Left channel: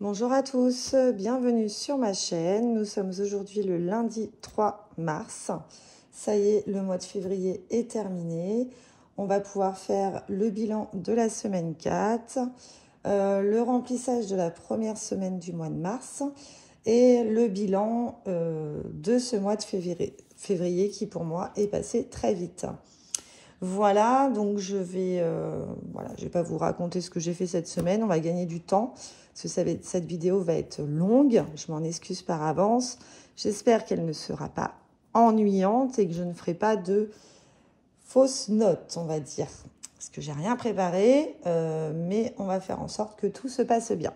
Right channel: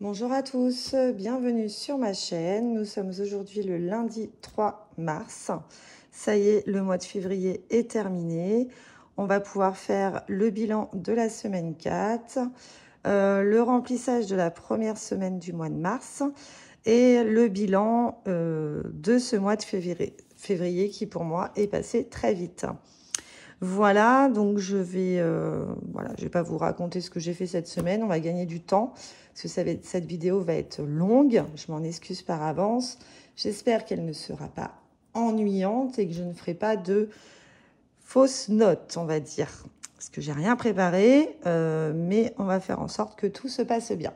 Bonjour à tous, bienvenue sur ma chaîne. Nous sommes aujourd'hui le lundi 3 mars. Ça y est, le mois de février est terminé. On va pouvoir faire le bilan de la semaine 4, le remplissage de la première semaine du mois de mars et le bilan de ce mois de février qui pour moi est passé très vite. Voilà, donc je vais pas vous raconter ce que j'ai fait cette semaine. On va gagner du temps parce que cette vidéo va être longue. Je m'en excuse par avance. J'espère qu'elle ne sera pas ennuyante et que je ne ferai pas de fausses notes, on va dire. Parce que j'ai rien préparé, mais on va faire en sorte que tout se passe bien.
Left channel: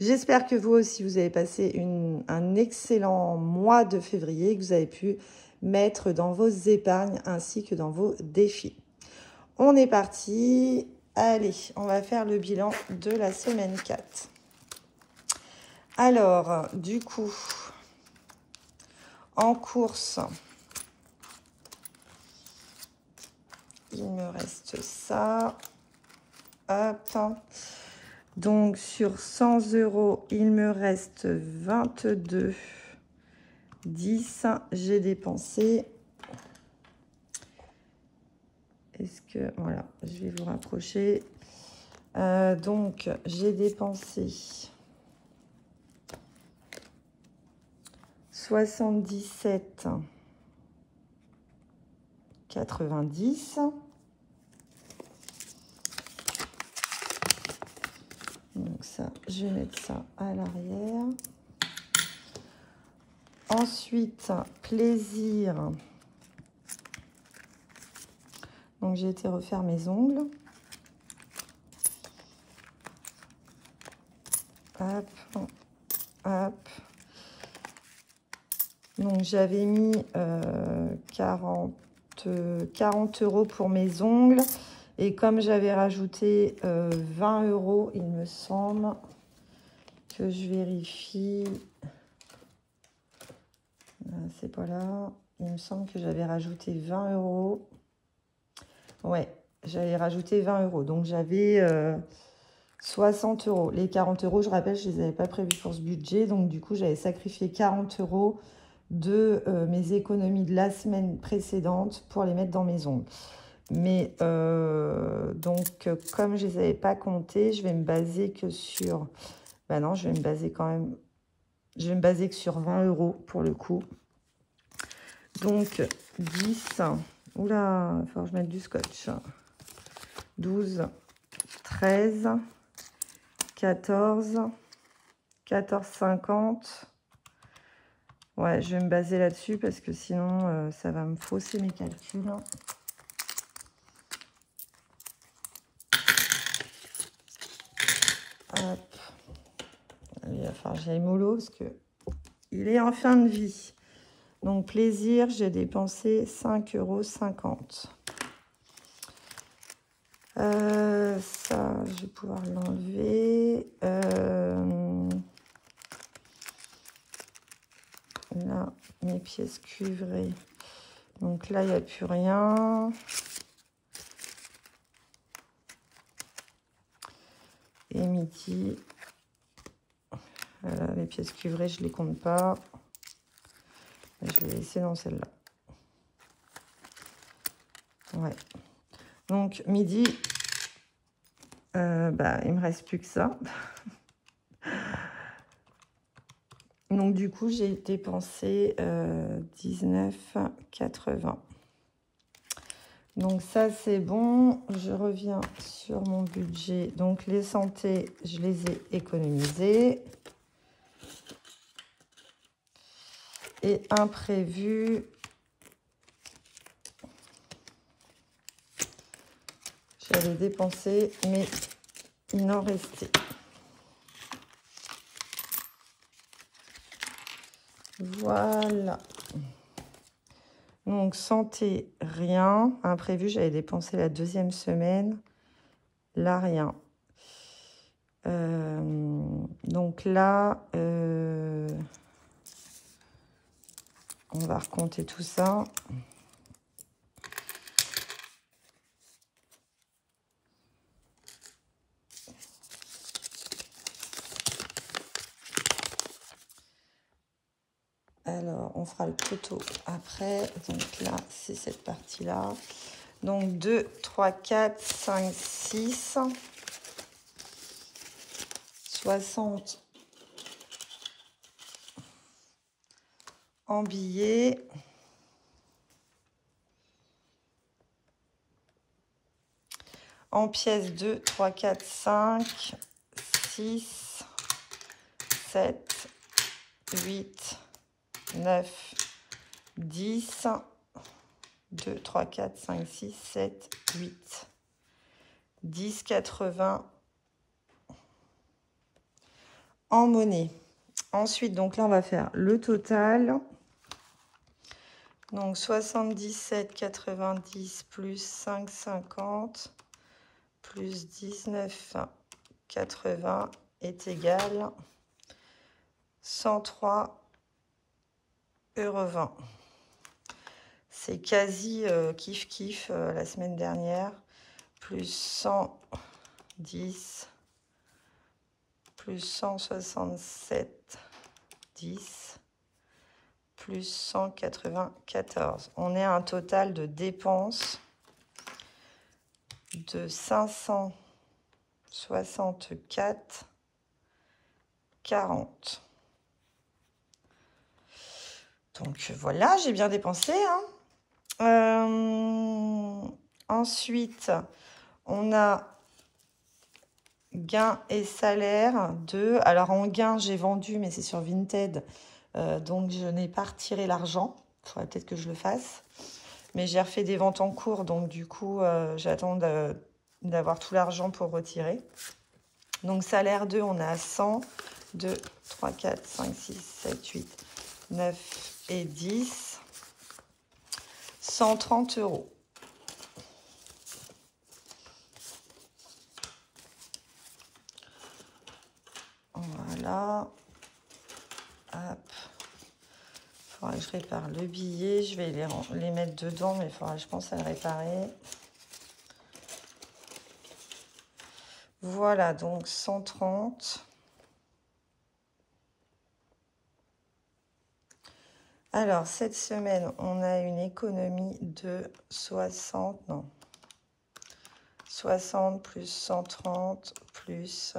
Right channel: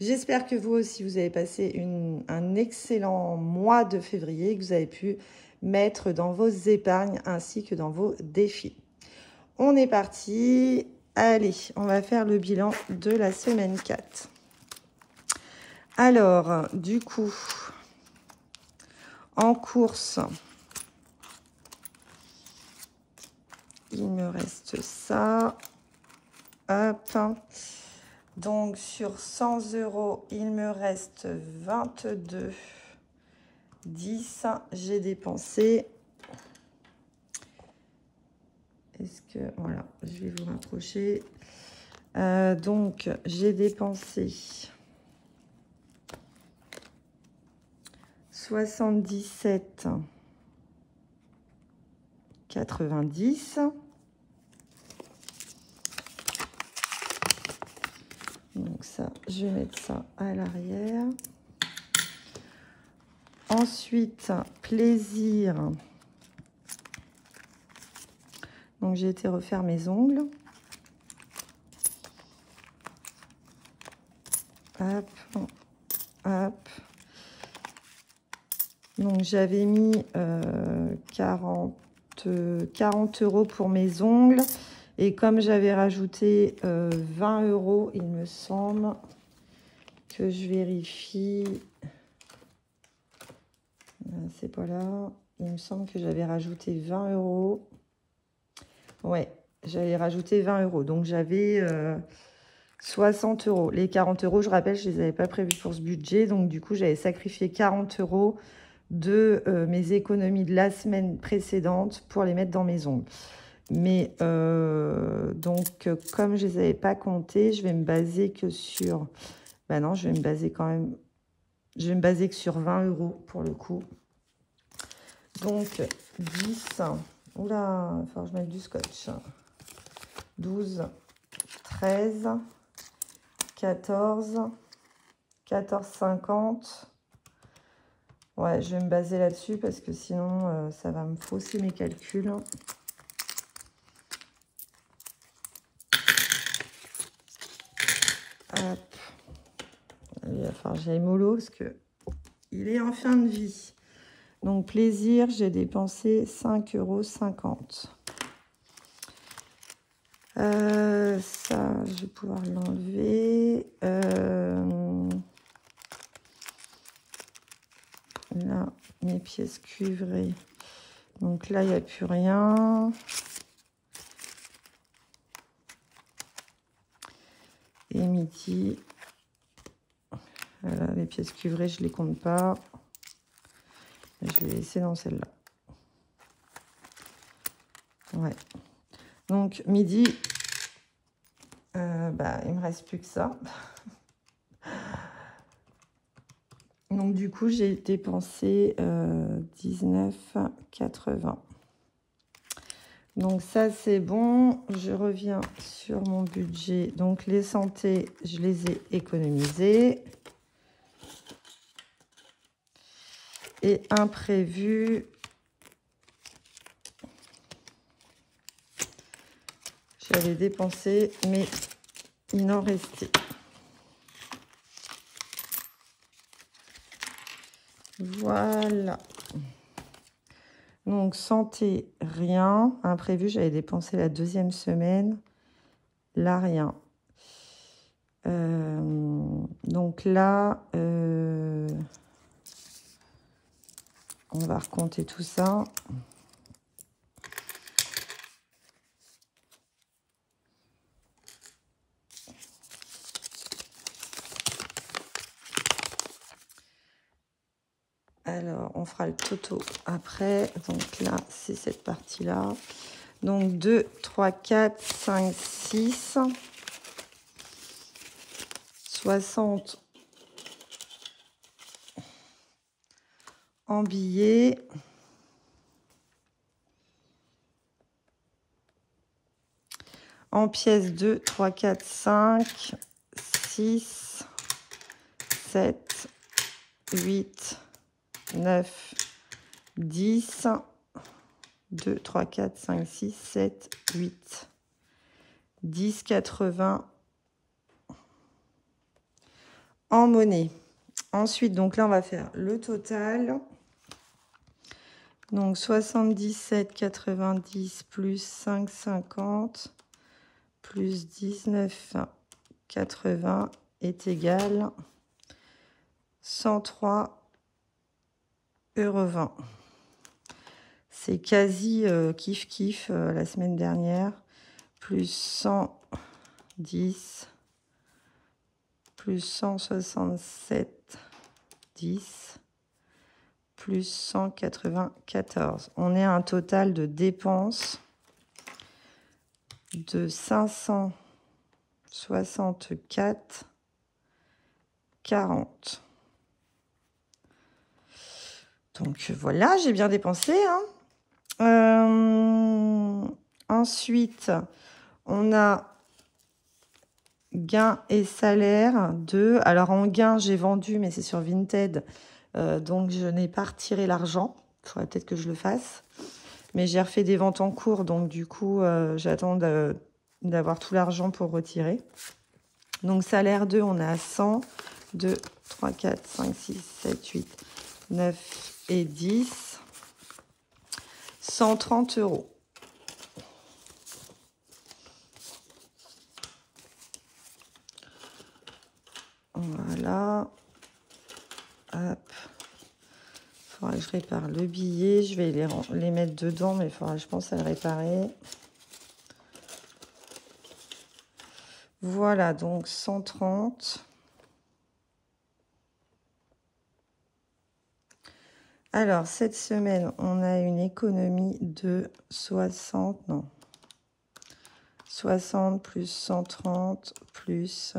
J'espère que vous aussi, vous avez passé un excellent mois de février, que vous avez pu mettre dans vos épargnes ainsi que dans vos défis. On est parti. Allez, on va faire le bilan de la semaine 4. Alors, du coup, en course, il me reste ça. Hop. Donc, sur 100 €, il me reste 22,10 €. J'ai dépensé. Est-ce que... Voilà, je vais vous rapprocher. Donc, j'ai dépensé 77,90 €. Donc ça, je vais mettre ça à l'arrière. Ensuite, plaisir. Donc j'ai été refaire mes ongles. Hop, hop. Donc j'avais mis 40 € pour mes ongles. Et comme j'avais rajouté 20 €, il me semble que je vérifie. C'est pas là. Il me semble que j'avais rajouté 20 €. Ouais, j'avais rajouté 20 €. Donc j'avais 60 €. Les 40 €, je rappelle, je ne les avais pas prévus pour ce budget. Donc du coup, j'avais sacrifié 40 € de mes économies de la semaine précédente pour les mettre dans mes ongles. Mais donc, comme je ne les avais pas comptés, je vais me baser que sur... Ben non, je vais me baser quand même... Je vais me baser que sur 20 € pour le coup. Donc, 10... Oula, il faut que je mette du scotch. 12, 13, 14, 14,50. Ouais, je vais me baser là-dessus parce que sinon, ça va me fausser mes calculs. Hop. Il va falloir que j'aille mollo parce que il est en fin de vie. Donc, plaisir, j'ai dépensé 5,50 €. Ça, je vais pouvoir l'enlever. Là, mes pièces cuivrées. Donc là, il n'y a plus rien. Et midi. Les pièces cuivrées, je ne les compte pas. Je vais les laisser dans celle-là. Ouais. Donc, midi, il ne me reste plus que ça. Donc, du coup, j'ai dépensé 19,80 €. Donc, ça, c'est bon. Je reviens sur mon budget. Donc, les santé, je les ai économisées. Et imprévu, j'avais dépensé, mais il en restait. Voilà. Donc, santé, rien. Imprévu, j'avais dépensé la deuxième semaine. Là, rien. Donc là, on va recompter tout ça. Alors, on fera le toto après. Donc là, c'est cette partie-là. Donc 2, 3, 4, 5, 6. 60 en billets. En pièces 2, 3, 4, 5, 6, 7, 8, 9, 10, 2, 3, 4, 5, 6, 7, 8, 10, 80 en monnaie. Ensuite, donc là, on va faire le total. Donc 77, 90 plus 5, 50 plus 19, 80 est égal 103,20 €. C'est quasi kiff la semaine dernière. Plus 110 plus 167, 10 plus 194. On est à un total de dépenses de 564,40. Donc voilà, j'ai bien dépensé. Ensuite, on a gain et salaire de... Alors en gain, j'ai vendu, mais c'est sur Vinted. Donc je n'ai pas retiré l'argent. Il faudrait peut-être que je le fasse. Mais j'ai refait des ventes en cours, donc du coup, j'attends d'avoir tout l'argent pour retirer. Donc salaire 2, on est à 100, 2, 3, 4, 5, 6, 7, 8, 9 et 10. 130 €. Voilà. Hop. Faudra que je répare le billet. Je vais les mettre dedans, mais il faudra, je pense, à le réparer. Voilà, donc 130. Alors, cette semaine, on a une économie de 60, non. 60 plus 130 plus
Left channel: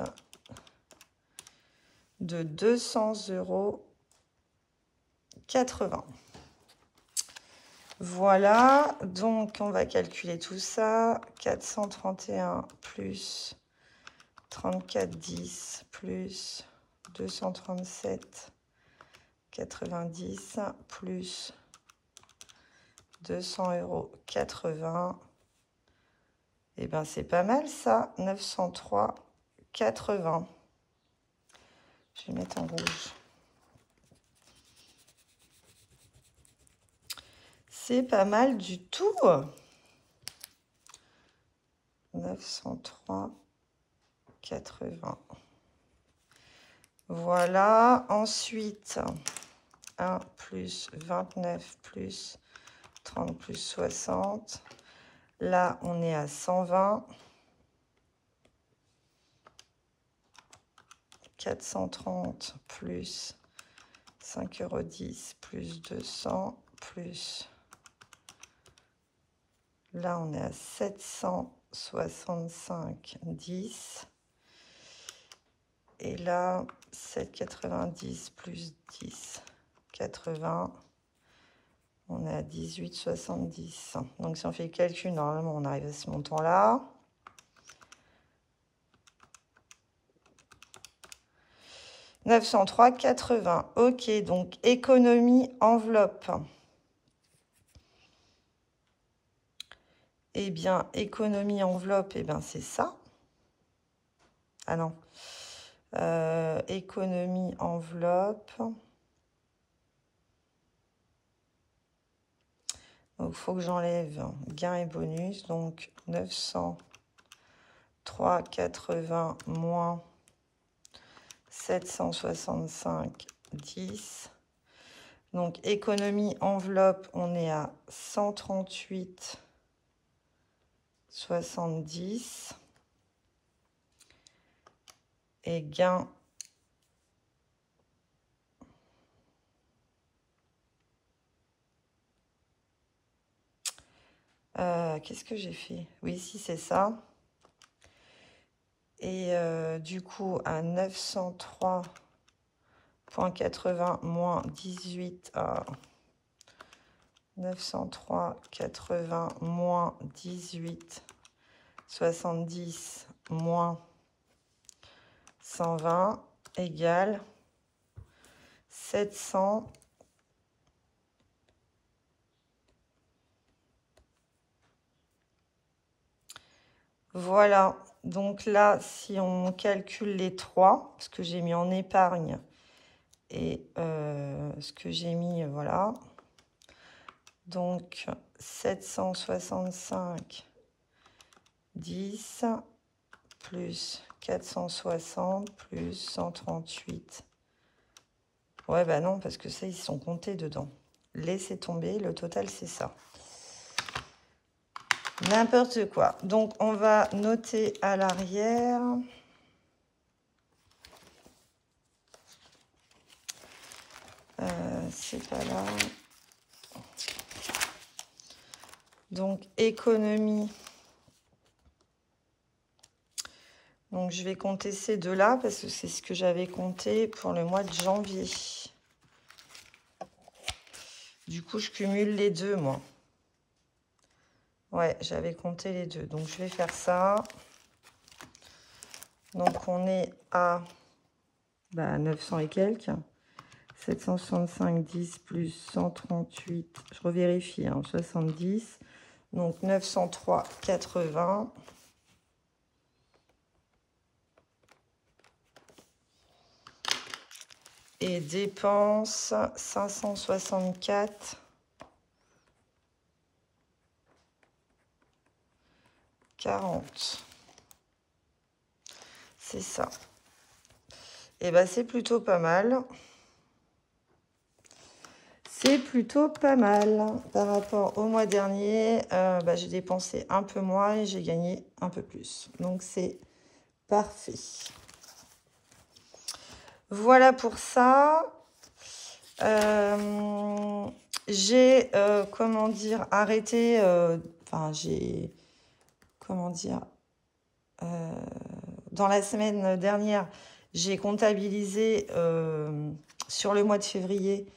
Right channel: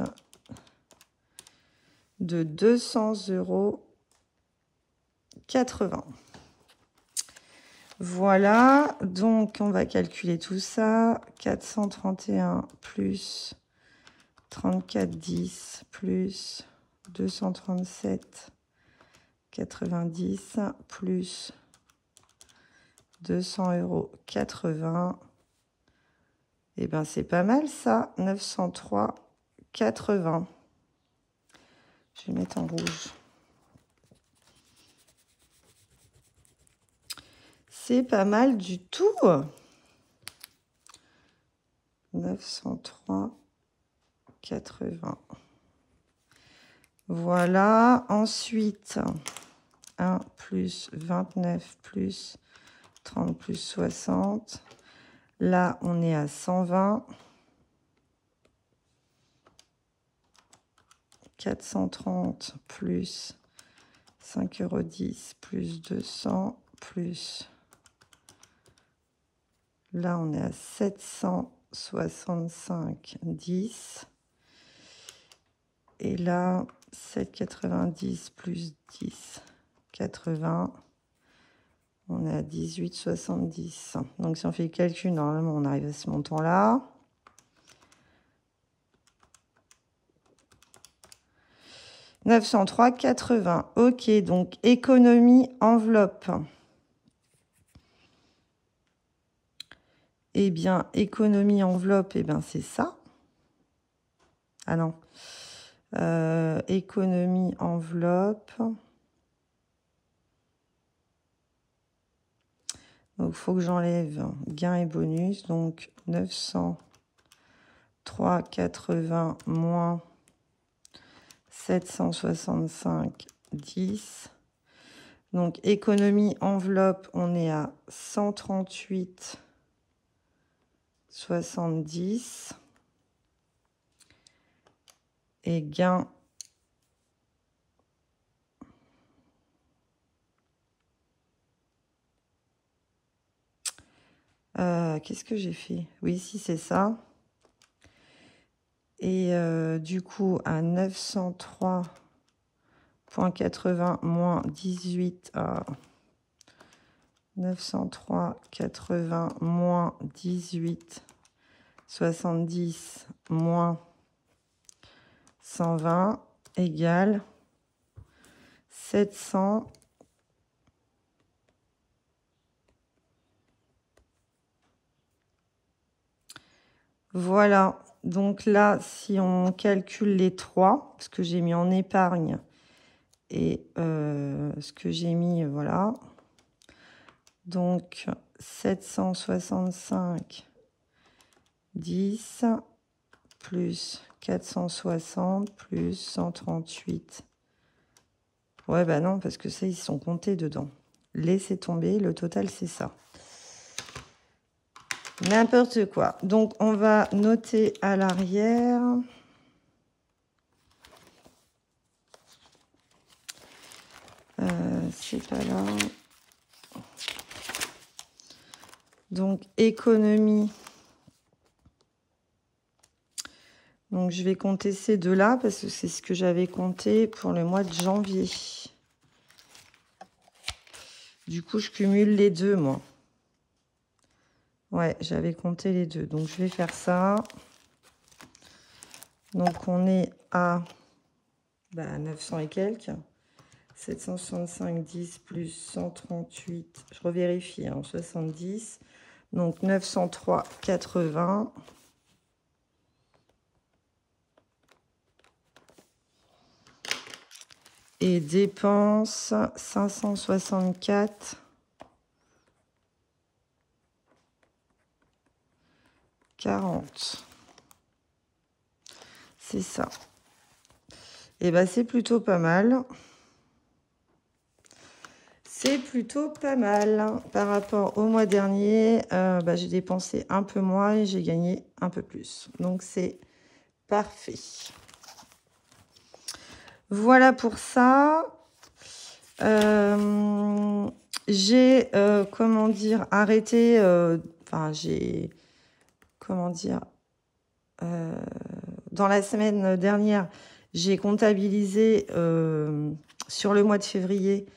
de 200,80 €. Voilà, donc on va calculer tout ça. 431 plus 34,10 plus 237,90 plus 200,80 €. Et ben c'est pas mal ça, 903,80. Je vais mettre en rouge. C'est pas mal du tout. 903,80. Voilà. Ensuite, 1 plus 29 plus 30 plus 60. Là, on est à 120. 430 plus 5,10 € plus 200 plus... Là, on est à 765,10. Et là, 7,90 plus 10, 80. On est à 18,70. Donc, si on fait le calcul, normalement, on arrive à ce montant-là. « 903,80 ». Ok, donc économie enveloppe. Eh bien, économie enveloppe, eh bien, c'est ça. Ah non. Économie enveloppe. Donc, il faut que j'enlève gain et bonus. Donc, 903,80 moins 765,10. Donc, économie enveloppe, on est à 138,70. Et gain Qu'est-ce que j'ai fait? Oui, si, c'est ça. Et du coup, à 903,80 moins 18... 903,80 moins 18, 70 moins 120 égale 700. Voilà, donc là, si on calcule les trois, ce que j'ai mis en épargne et ce que j'ai mis, voilà. Donc, 765, 10, plus 460, plus 138. Ouais, bah non, parce que ça, ils sont comptés dedans. Laissez tomber, le total, c'est ça. N'importe quoi. Donc, on va noter à l'arrière. C'est pas là. Donc, économie. Donc, je vais compter ces deux-là parce que c'est ce que j'avais compté pour le mois de janvier. Du coup, je cumule les deux, moi. Ouais, j'avais compté les deux. Donc, je vais faire ça. Donc, on est à 900 et quelques. 765, 10 plus 138. Je revérifie, hein, 70. Donc, 903,80. Et dépenses 564. 40. C'est ça. Et ben c'est plutôt pas mal. C'est plutôt pas mal. Par rapport au mois dernier, j'ai dépensé un peu moins et j'ai gagné un peu plus. Donc c'est parfait. Voilà pour ça. J'ai, comment dire, arrêté, j'ai, comment dire, dans la semaine dernière, j'ai comptabilisé sur le mois de février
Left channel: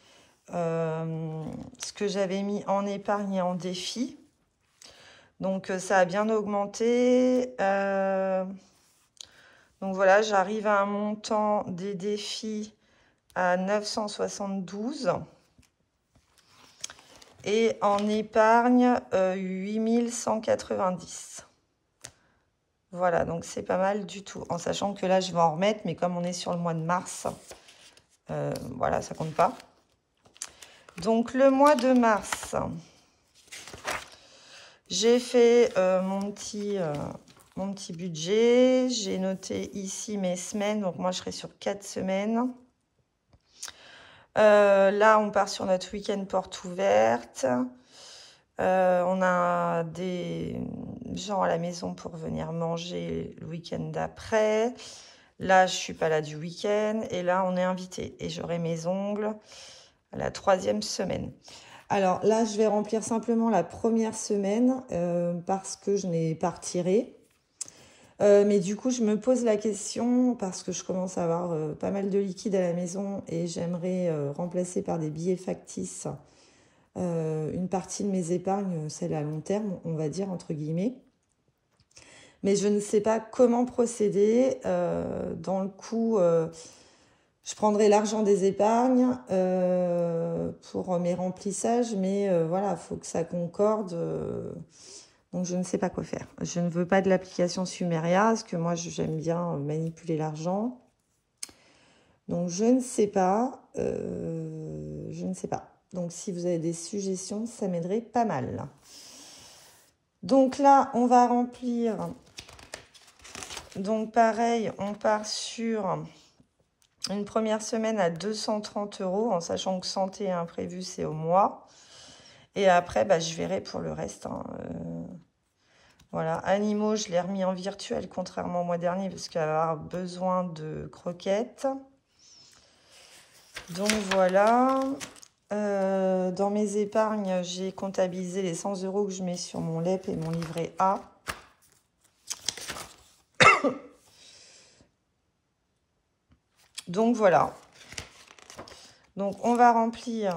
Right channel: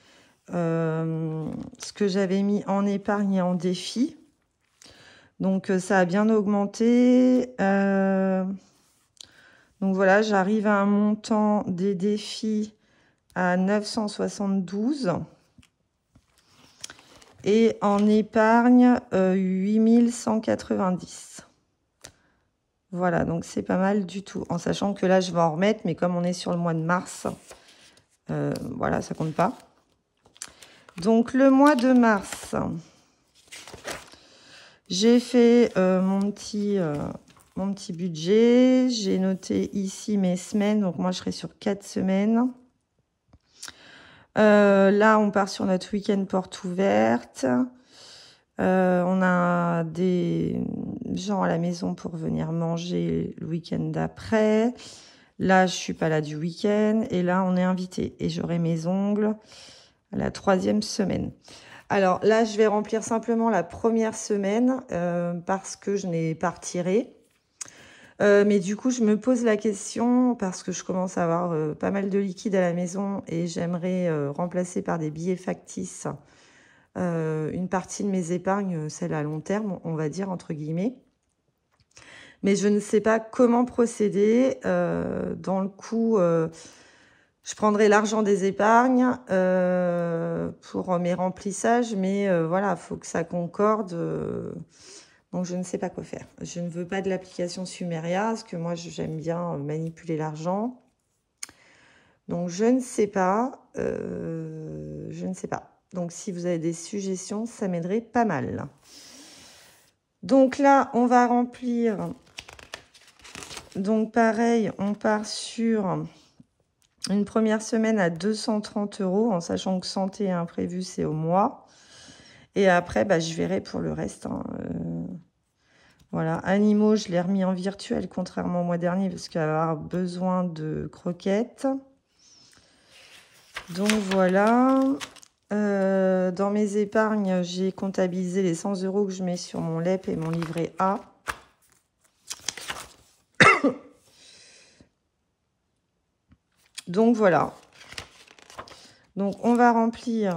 ce que j'avais mis en épargne et en défi. Donc, ça a bien augmenté. Donc, voilà, j'arrive à un montant des défis à 972. Et en épargne, 8190. Voilà, donc c'est pas mal du tout. En sachant que là, je vais en remettre, mais comme on est sur le mois de mars, voilà, ça compte pas. Donc, le mois de mars, j'ai fait mon petit budget. J'ai noté ici mes semaines. Donc, moi, je serai sur 4 semaines. Là, on part sur notre week-end porte ouverte. On a des gens à la maison pour venir manger le week-end d'après. Là, je suis pas là du week-end. Et là, on est invité. Et j'aurai mes ongles la 3e semaine. Alors là, je vais remplir simplement la première semaine parce que je n'ai pas retiré. Mais du coup, je me pose la question parce que je commence à avoir pas mal de liquide à la maison et j'aimerais remplacer par des billets factices une partie de mes épargnes, celle à long terme, on va dire, entre guillemets. Mais je ne sais pas comment procéder. Dans le coup, je prendrai l'argent des épargnes pour mes remplissages, mais voilà, il faut que ça concorde. Donc, je ne sais pas quoi faire. Je ne veux pas de l'application Sumeria, parce que moi, j'aime bien manipuler l'argent. Donc, je ne sais pas. Je ne sais pas. Donc, si vous avez des suggestions, ça m'aiderait pas mal. Donc là, on va remplir. Donc, pareil, on part sur une première semaine à 230 €, en sachant que santé et imprévu, c'est au mois. Et après, je verrai pour le reste. Hein. Voilà, animaux, je l'ai remis en virtuel, contrairement au mois dernier, parce qu'il va avoir besoin de croquettes. Donc voilà. Dans mes épargnes, j'ai comptabilisé les 100 € que je mets sur mon LEP et mon livret A. Donc voilà. Donc on va remplir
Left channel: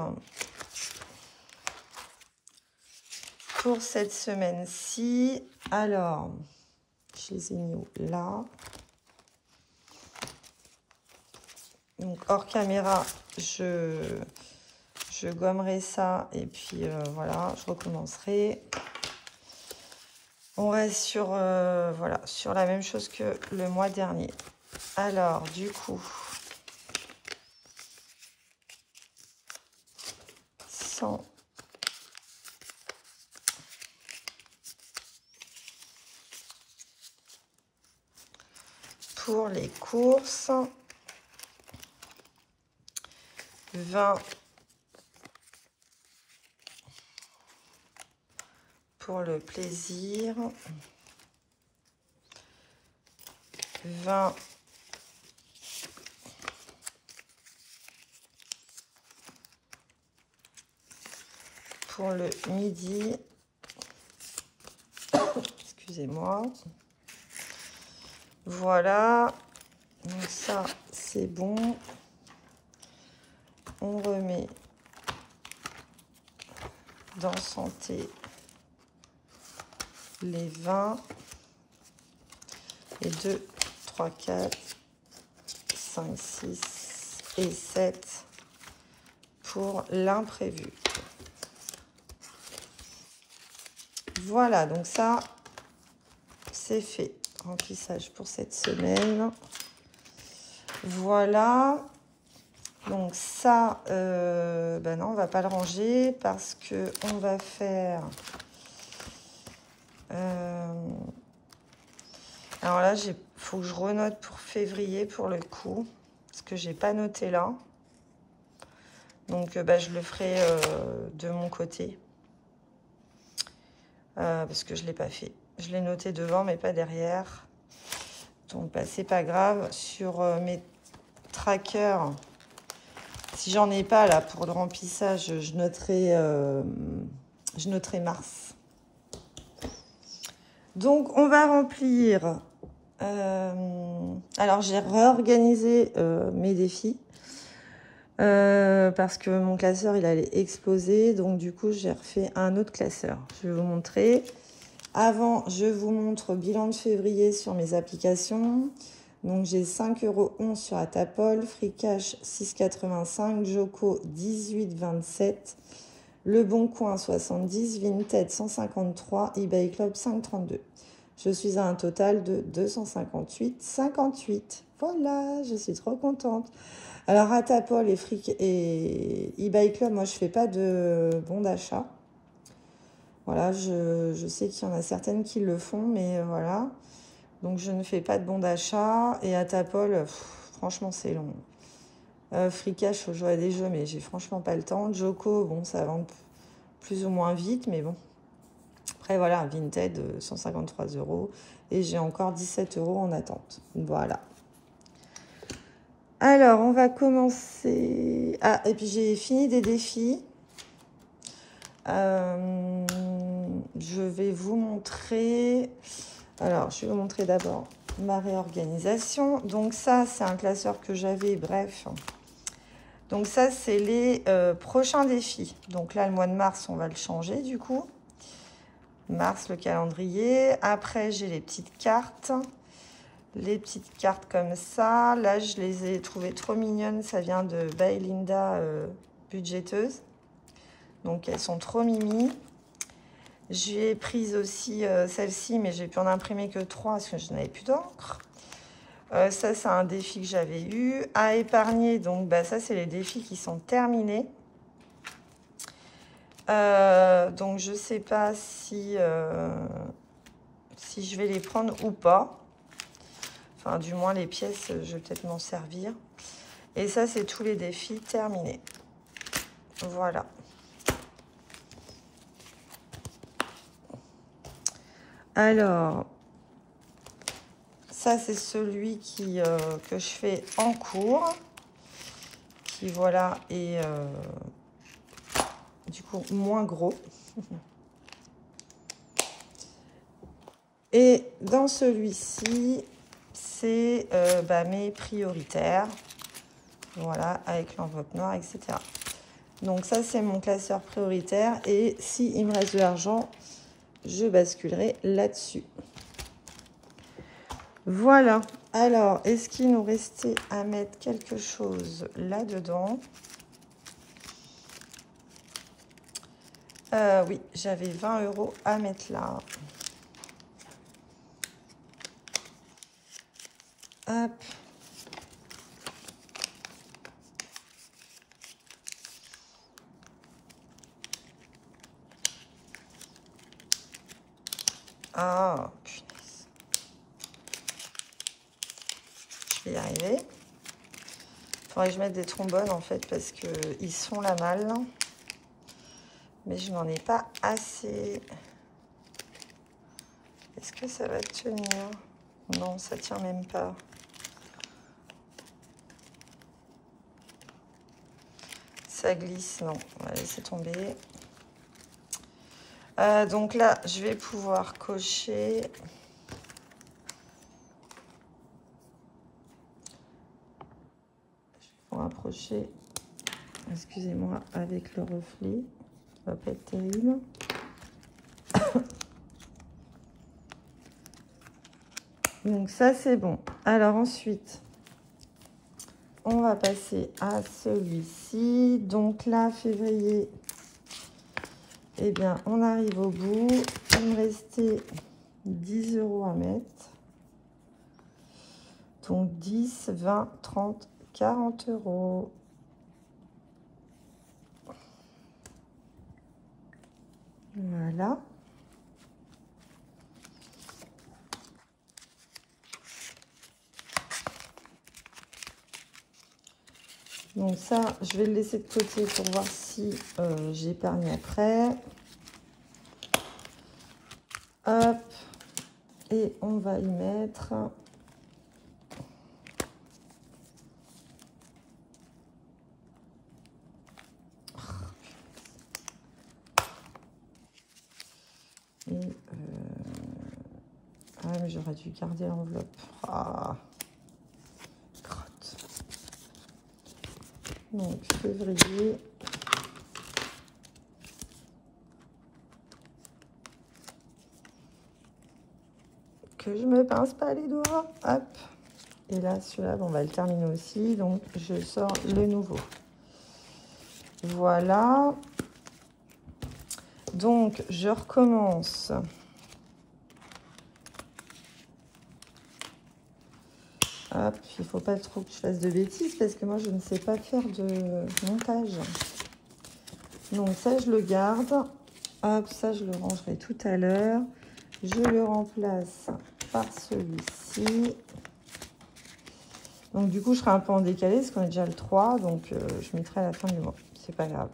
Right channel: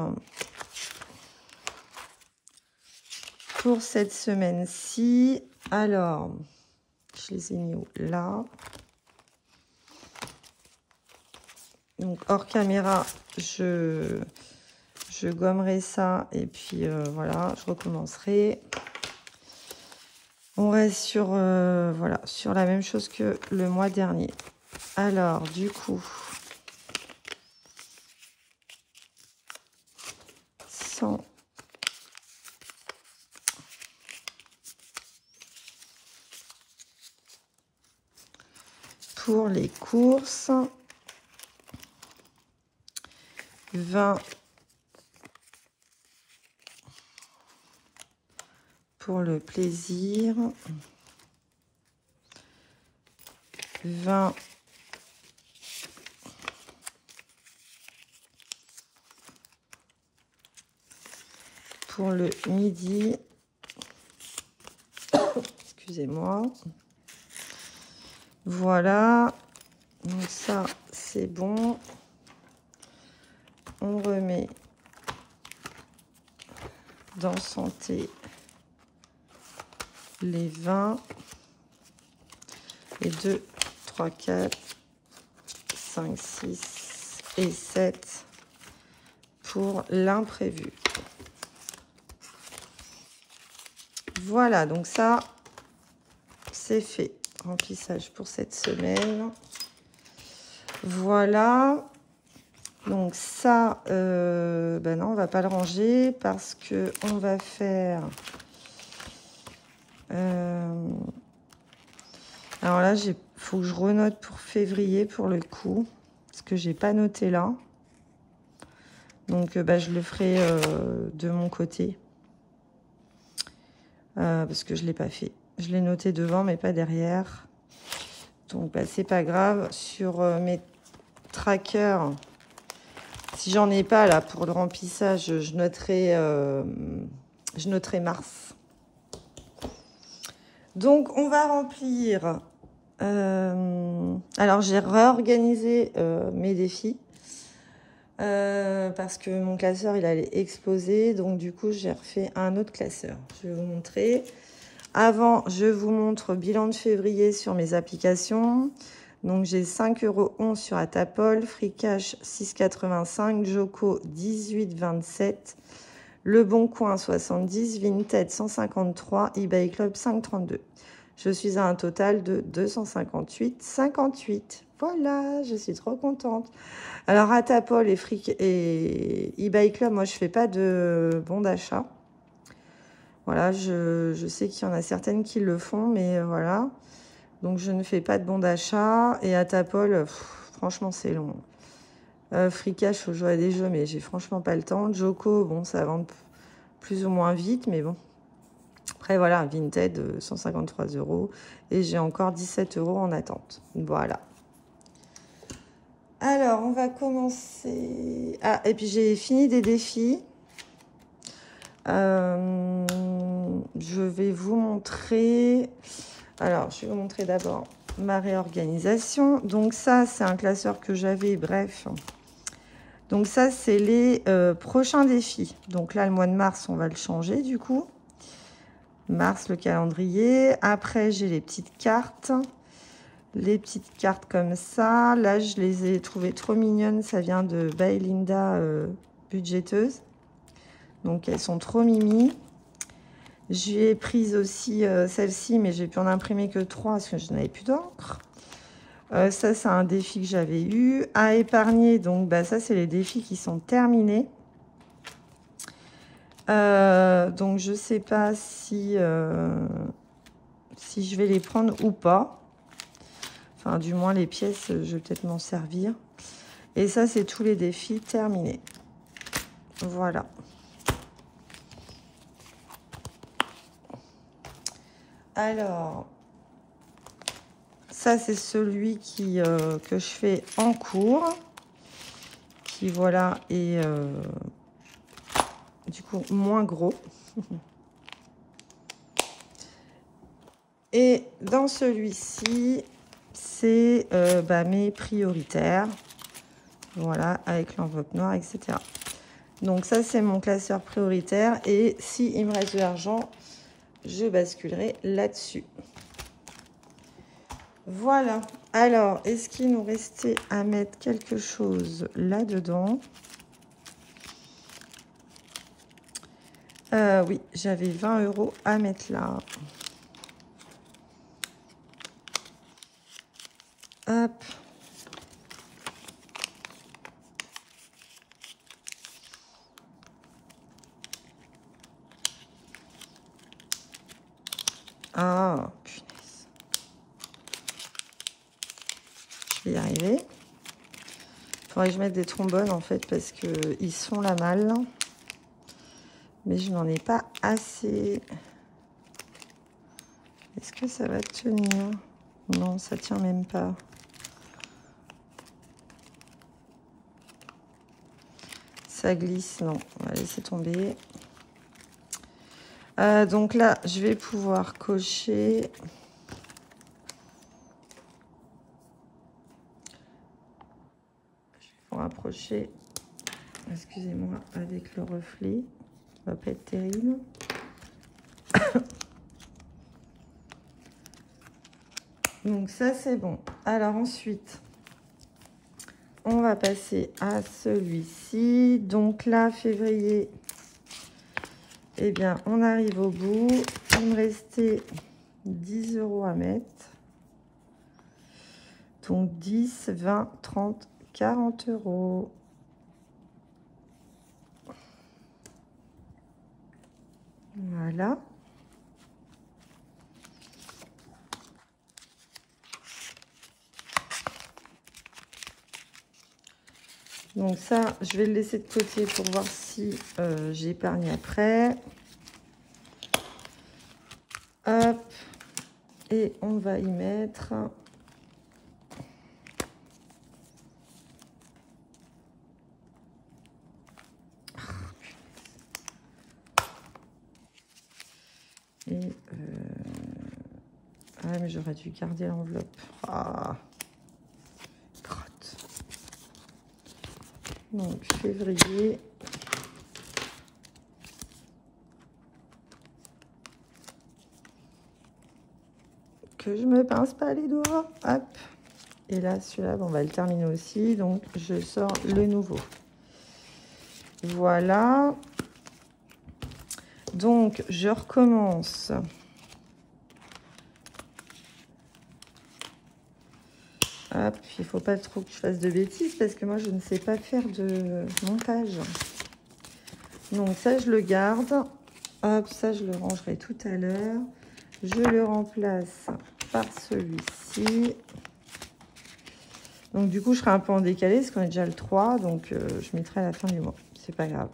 pour cette semaine-ci. Alors, je les ai mis où? Là. Donc hors caméra, je gommerai ça et puis voilà, je recommencerai. On reste sur, voilà, sur la même chose que le mois dernier. Alors, du coup, 100 pour les courses, 20 pour le plaisir, 20 pour le midi, excusez-moi, voilà, donc ça c'est bon, on remet dans santé les 20 et 2, 3, 4, 5, 6 et 7 pour l'imprévu. Voilà, donc ça, c'est fait. Remplissage pour cette semaine. Voilà. Donc ça, ben non, on va pas le ranger parce que on va faire... alors là, il faut que je renote pour février pour le coup. Parce que j'ai pas noté là. Donc ben, je le ferai de mon côté. Parce que je l'ai pas fait. Je l'ai noté devant mais pas derrière. Donc bah, c'est pas grave. Sur mes trackers, si j'en ai pas là pour le remplissage, je noterai mars. Donc on va remplir. Alors j'ai réorganisé mes défis. Parce que mon classeur il allait exploser, donc du coup j'ai refait un autre classeur. Je vais vous montrer. Avant, je vous montre bilan de février sur mes applications. Donc j'ai 5,11 € sur Atapol, Free Cash 6,85, Joko 18,27, Le Bon Coin 70, Vinted 153, eBay Club 5,32. Je suis à un total de 258,58. Voilà, je suis trop contente. Alors, Atapol et eBay Club, moi, je fais pas de bons d'achat. Voilà, je sais qu'il y en a certaines qui le font, mais voilà. Donc, je ne fais pas de bons d'achat. Et Atapol, franchement, c'est long. Free Cash, faut jouer à des jeux, mais j'ai franchement pas le temps. Joko, bon, ça va plus ou moins vite, mais bon. Après, voilà, Vinted, 153 €. Et j'ai encore 17 € en attente. Voilà. Alors, on va commencer... Ah, et puis j'ai fini des défis. Je vais vous montrer... Alors, je vais vous montrer d'abord ma réorganisation. Donc ça, c'est un classeur que j'avais, bref. Donc ça, c'est les prochains défis. Donc là, le mois de mars, on va le changer du coup. Mars, le calendrier. Après, j'ai les petites cartes. Les petites cartes comme ça. Là, je les ai trouvées trop mignonnes. Ça vient de By Linda Budgéteuse. Donc, elles sont trop mini. J'ai prise aussi celle-ci, mais j'ai pu en imprimer que 3 parce que je n'avais plus d'encre. Ça, c'est un défi que j'avais eu. À épargner, donc, bah, ça, c'est les défis qui sont terminés. Donc, je ne sais pas si je vais les prendre ou pas. Enfin, du moins, les pièces, je vais peut-être m'en servir. Et ça, c'est tous les défis terminés. Voilà. Alors, ça, c'est celui que je fais en cours. Qui, voilà, est du coup moins gros. Et dans celui-ci, c'est mes prioritaires. Voilà, avec l'enveloppe noire, etc. Donc ça, c'est mon classeur prioritaire. Et s'il me reste de l'argent, je basculerai là-dessus. Voilà. Alors, est-ce qu'il nous restait à mettre quelque chose là-dedans? Oui, j'avais 20 € à mettre là. Hop. Ah, je vais y arriver. Faudrait que je mette des trombones en fait parce qu'ils sont la malle. Mais je n'en ai pas assez. Est-ce que ça va tenir? Non, ça tient même pas. Ça glisse, non. On va laisser tomber. Donc là, je vais pouvoir cocher. Je vais rapprocher, excusez-moi, avec le reflet. Ça va pas être terrible. Donc ça, c'est bon. Alors ensuite, on va passer à celui-ci. Donc là, février, eh bien, on arrive au bout. Il me restait 10 € à mettre. Donc 10, 20, 30, 40 €. Voilà. Donc ça, je vais le laisser de côté pour voir si j'épargne après. Hop. Et on va y mettre... Ah, mais j'aurais dû garder l'enveloppe. Ah. Donc, février. Que je me pince pas les doigts. Hop. Et là, celui-là, on va le terminer aussi. Donc, je sors le nouveau. Voilà. Donc, je recommence. Hop, il ne faut pas trop que je fasse de bêtises parce que moi, je ne sais pas faire de montage. Donc, ça, je le garde. Hop, ça, je le rangerai tout à l'heure. Je le remplace par celui-ci. Donc, du coup, je serai un peu en décalé parce qu'on est déjà le 3. Donc, je m'y ferai à la fin du mois. C'est pas grave.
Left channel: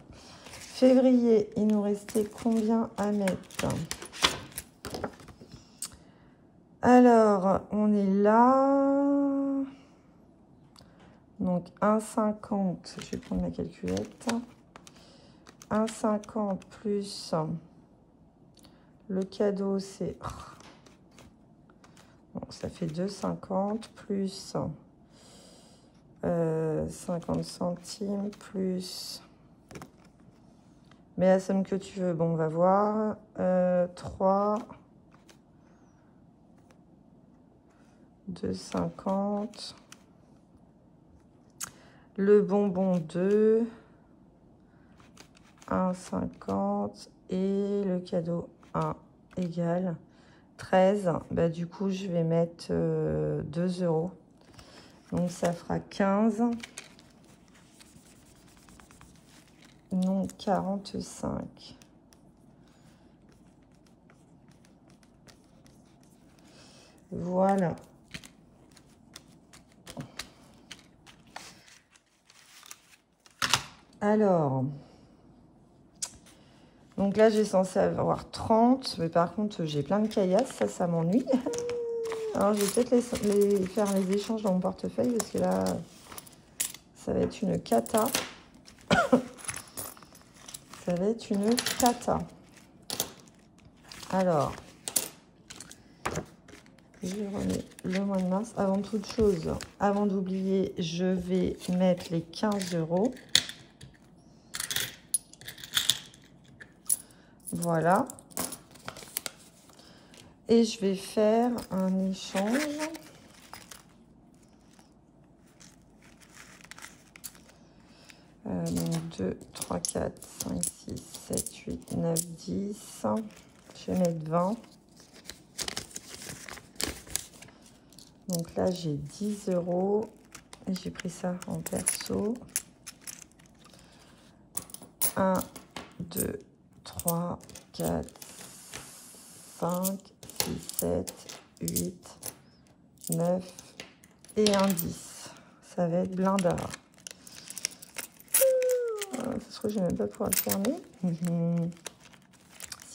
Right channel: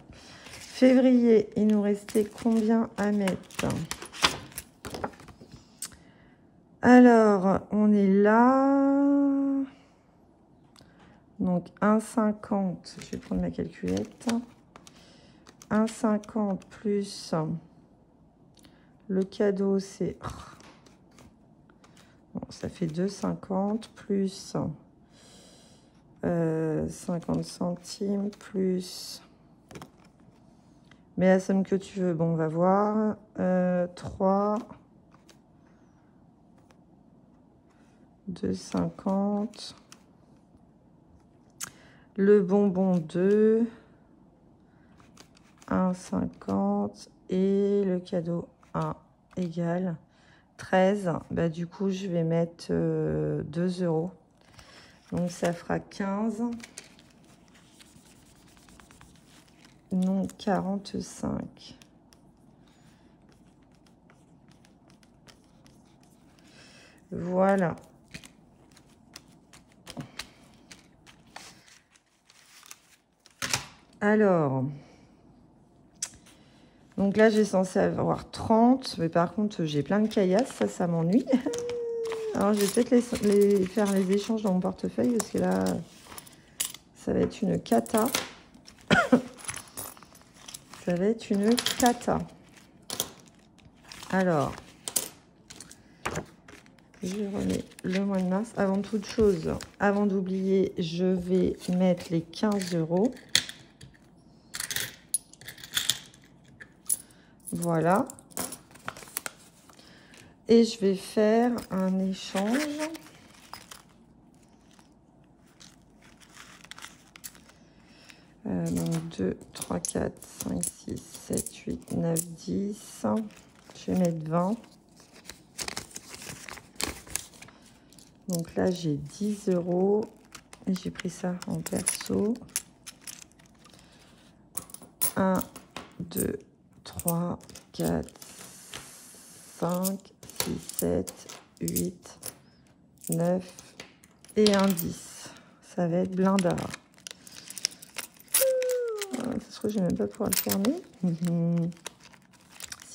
Février, il nous restait combien à mettre? Alors, on est là. Donc, 1,50. Je vais prendre ma calculette. 1,50 plus le cadeau, c'est... Bon, ça fait 2,50 plus 50 centimes plus... Mais la somme que tu veux, bon, on va voir. 3... 2,50. Le bonbon 2. 1,50. Et le cadeau 1 égale 13. Bah, du coup, je vais mettre 2 €. Donc, ça fera 15. Non, 45. Voilà. Alors, donc là, j'ai censé avoir 30, mais par contre, j'ai plein de caillasses, ça m'ennuie. Alors, je vais peut-être faire les échanges dans mon portefeuille, parce que là, ça va être une cata. Ça va être une cata. Alors, je remets le mois de mars. Avant toute chose, avant d'oublier, je vais mettre les 15 €. Voilà. Et je vais faire un échange. Donc 2, 3, 4, 5, 6, 7, 8, 9, 10. Je vais mettre 20. Donc là, j'ai 10 €. Et j'ai pris ça en perso. 1, 2, 3, 4, 5, 6, 7, 8, 9 et un 10. Ça va être blanc d'avant. Parce que je n'ai même pas pouvoir le fermer.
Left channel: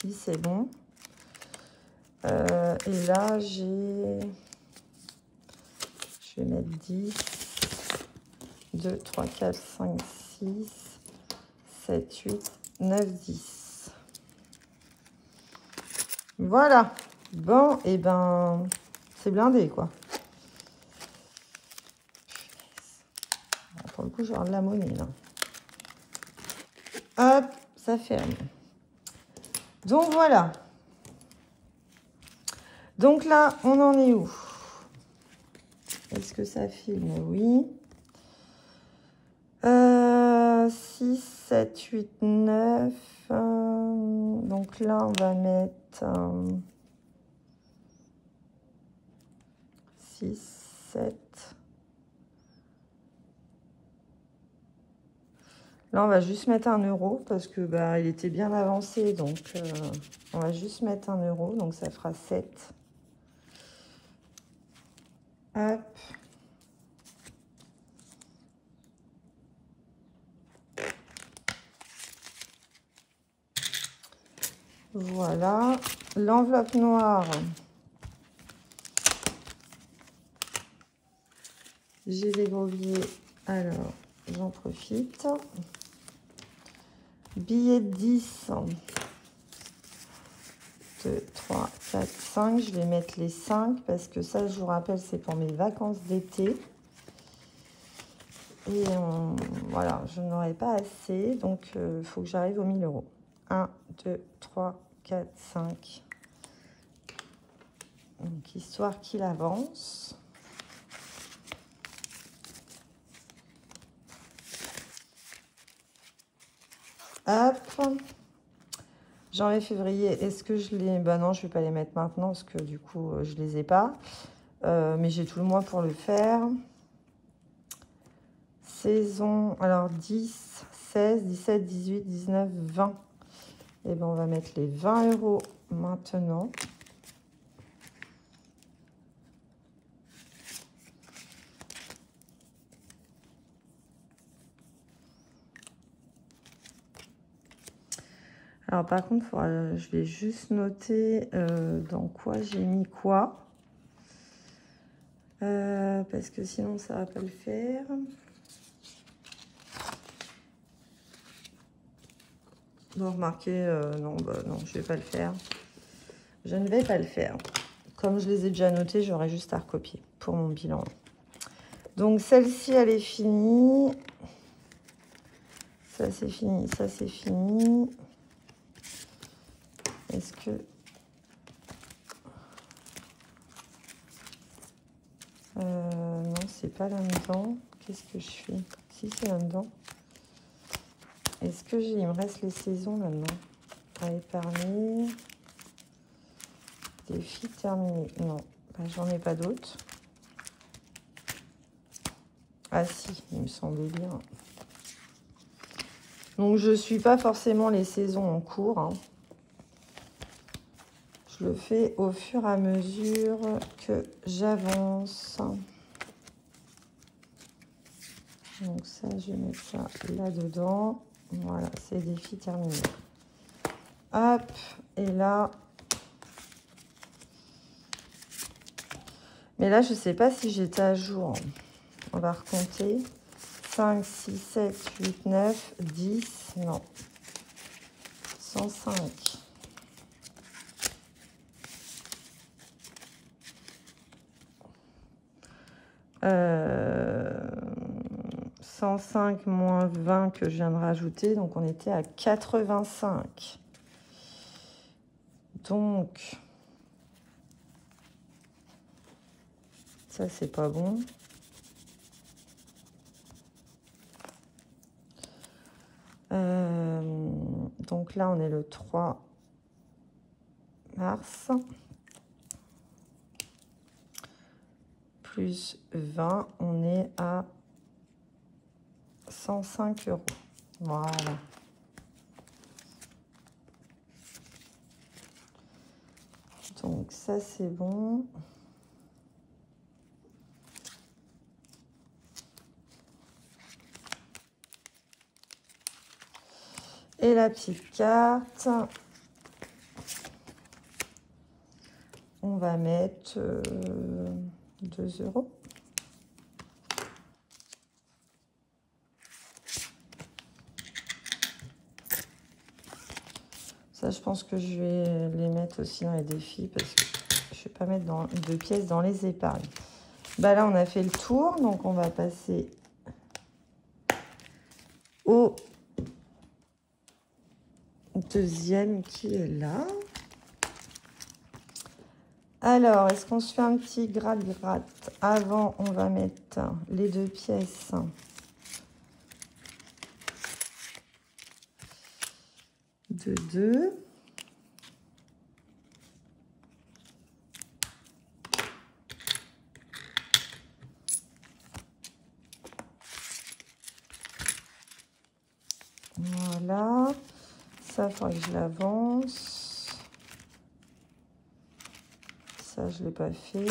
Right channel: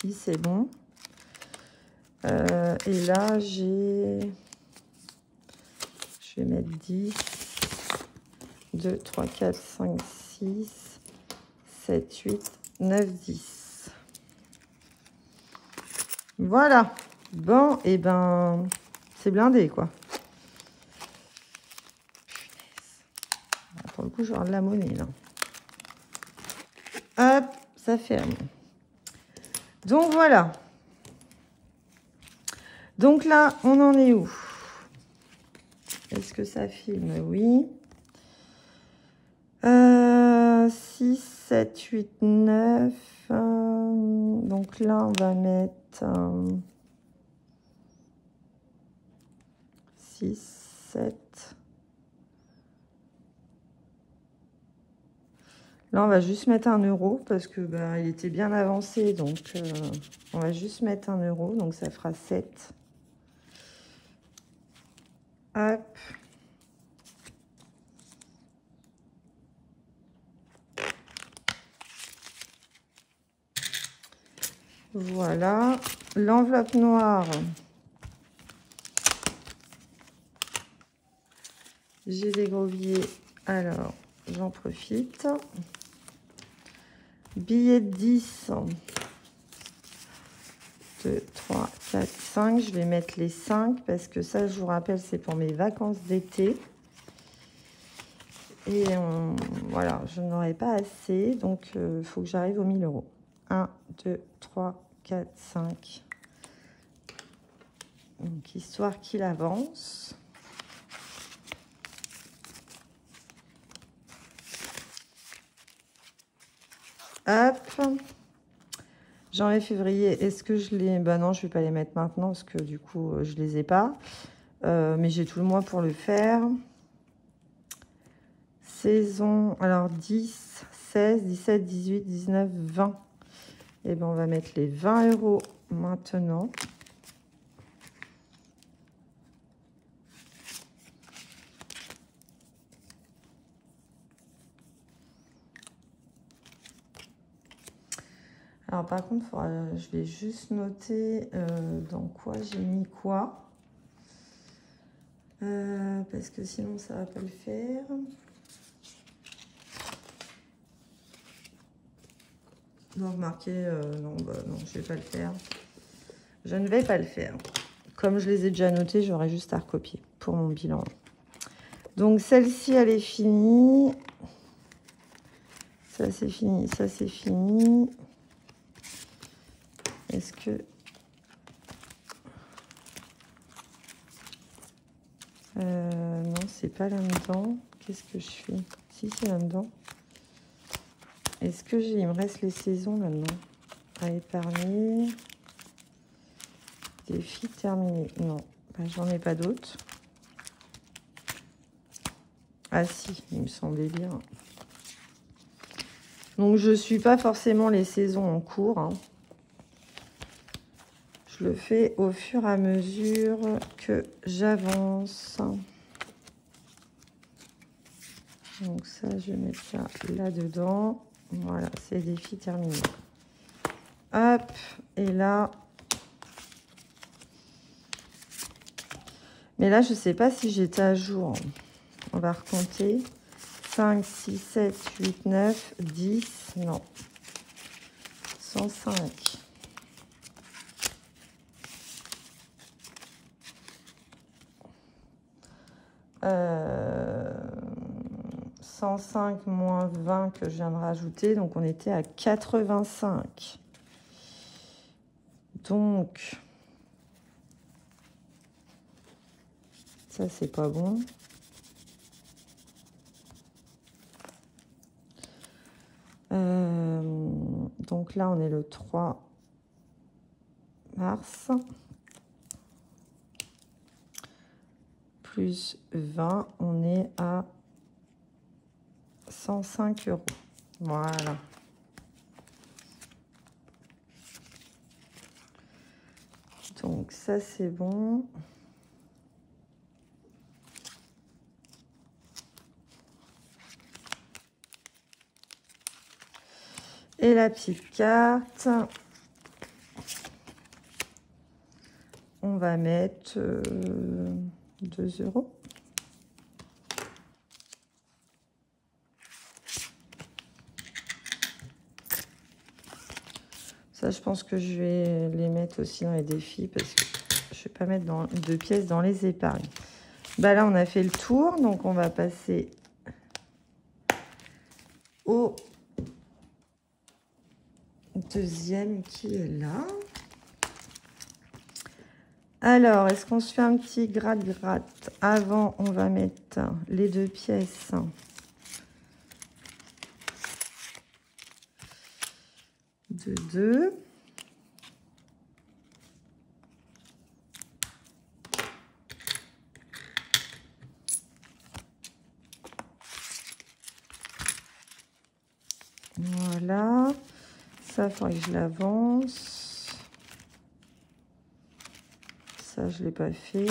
Si, c'est bon. Et là, j'ai... Je vais mettre 10. 2, 3, 4, 5, 6, 7, 8, 9, 10. Voilà. Bon, et ben, c'est blindé, quoi. Pour le coup, j'aurai de la monnaie, là. Hop, ça fait rien. Donc, voilà. Donc là, on en est où? Est-ce que ça filme? Oui. 6, 7, 8, 9. Donc là, on va mettre 6, 7. Là, on va juste mettre 1 € parce que bah, il était bien avancé. Donc, on va juste mettre 1 €. Donc, ça fera 7. Hop. Voilà. L'enveloppe noire. J'ai des gros billets. Alors, j'en profite. Billets de 10. 2, 3, 4, 5. Je vais mettre les 5 parce que ça, je vous rappelle, c'est pour mes vacances d'été. Et voilà, je n'en aurai pas assez. Donc, il faut que j'arrive aux 1000 €. 1, 2, 3, 4, 5. Donc, histoire qu'il avance. Hop. Janvier, février, est-ce que je les... Ben non, je ne vais pas les mettre maintenant parce que du coup, je ne les ai pas. Mais j'ai tout le mois pour le faire. Saison, alors 10, 16, 17, 18, 19, 20. Et ben on va mettre les 20 € maintenant. Alors par contre, je vais juste noter dans quoi j'ai mis quoi. Parce que sinon ça va pas le faire. Bon, remarquez, non, bah, non, je vais pas le faire. Je ne vais pas le faire. Comme je les ai déjà notés, j'aurai juste à recopier pour mon bilan. Donc celle-ci, elle est finie. Ça c'est fini, ça c'est fini. Est-ce que... non, c'est pas là-dedans. Qu'est-ce que je fais? Si, c'est là-dedans. Est-ce que j'ai... Il me reste les saisons là-dedans. À épargner. Défi terminé. Non, j'en ai pas d'autres. Ah si, il me semblait bien. Donc, je ne suis pas forcément les saisons en cours. Hein. Je le fais au fur et à mesure que j'avance. Donc ça, je vais mettre ça là-dedans. Voilà, c'est défi terminé. Hop, et là... Mais là, je ne sais pas si j'étais à jour. On va recompter. 5, 6, 7, 8, 9, 10. Non. 105. 105 moins 20 que je viens de rajouter, donc on était à 85. Donc, ça c'est pas bon. Donc là, on est le 3 mars. Plus 20, on est à 105 €. Voilà. Donc ça, c'est bon. Et la petite carte, on va mettre 2 €. Ça, je pense que je vais les mettre aussi dans les défis parce que je ne vais pas mettre de pièces dans les épargnes. Bah là, on a fait le tour, donc on va passer au deuxième qui est là. Alors, est-ce qu'on se fait un petit gratte-gratte? Avant, on va mettre les 2 pièces de 2. Voilà. Ça, il faudrait que je l'avance. Ça, je ne l'ai pas fait.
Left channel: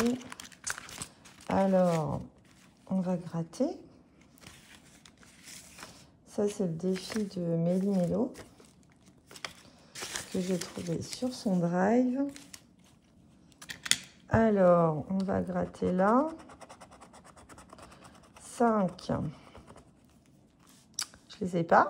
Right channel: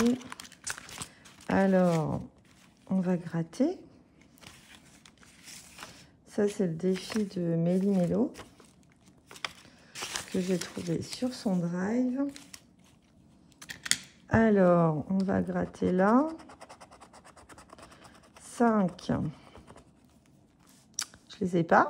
Alors, on va gratter. Ça, c'est le défi de Méli-Mélo que j'ai trouvé sur son drive. Alors, on va gratter là. 5. Je les ai pas.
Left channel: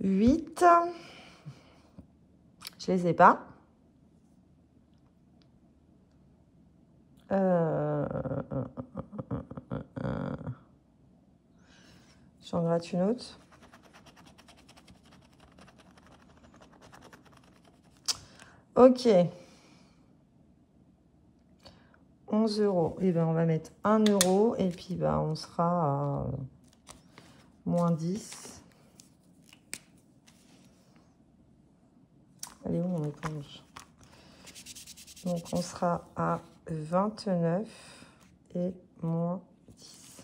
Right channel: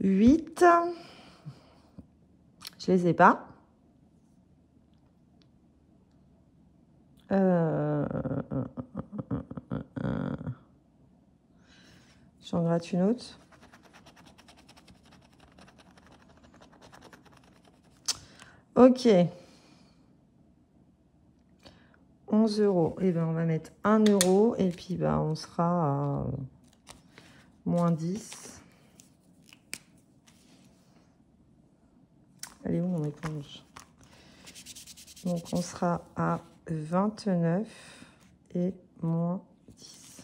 Huit. Je les ai pas. J'en gratte une autre. Ok. 11 €. Et ben on va mettre 1 € et puis ben on sera à moins 10. Allez, on est tendu. Donc on sera à 29 et moins 10.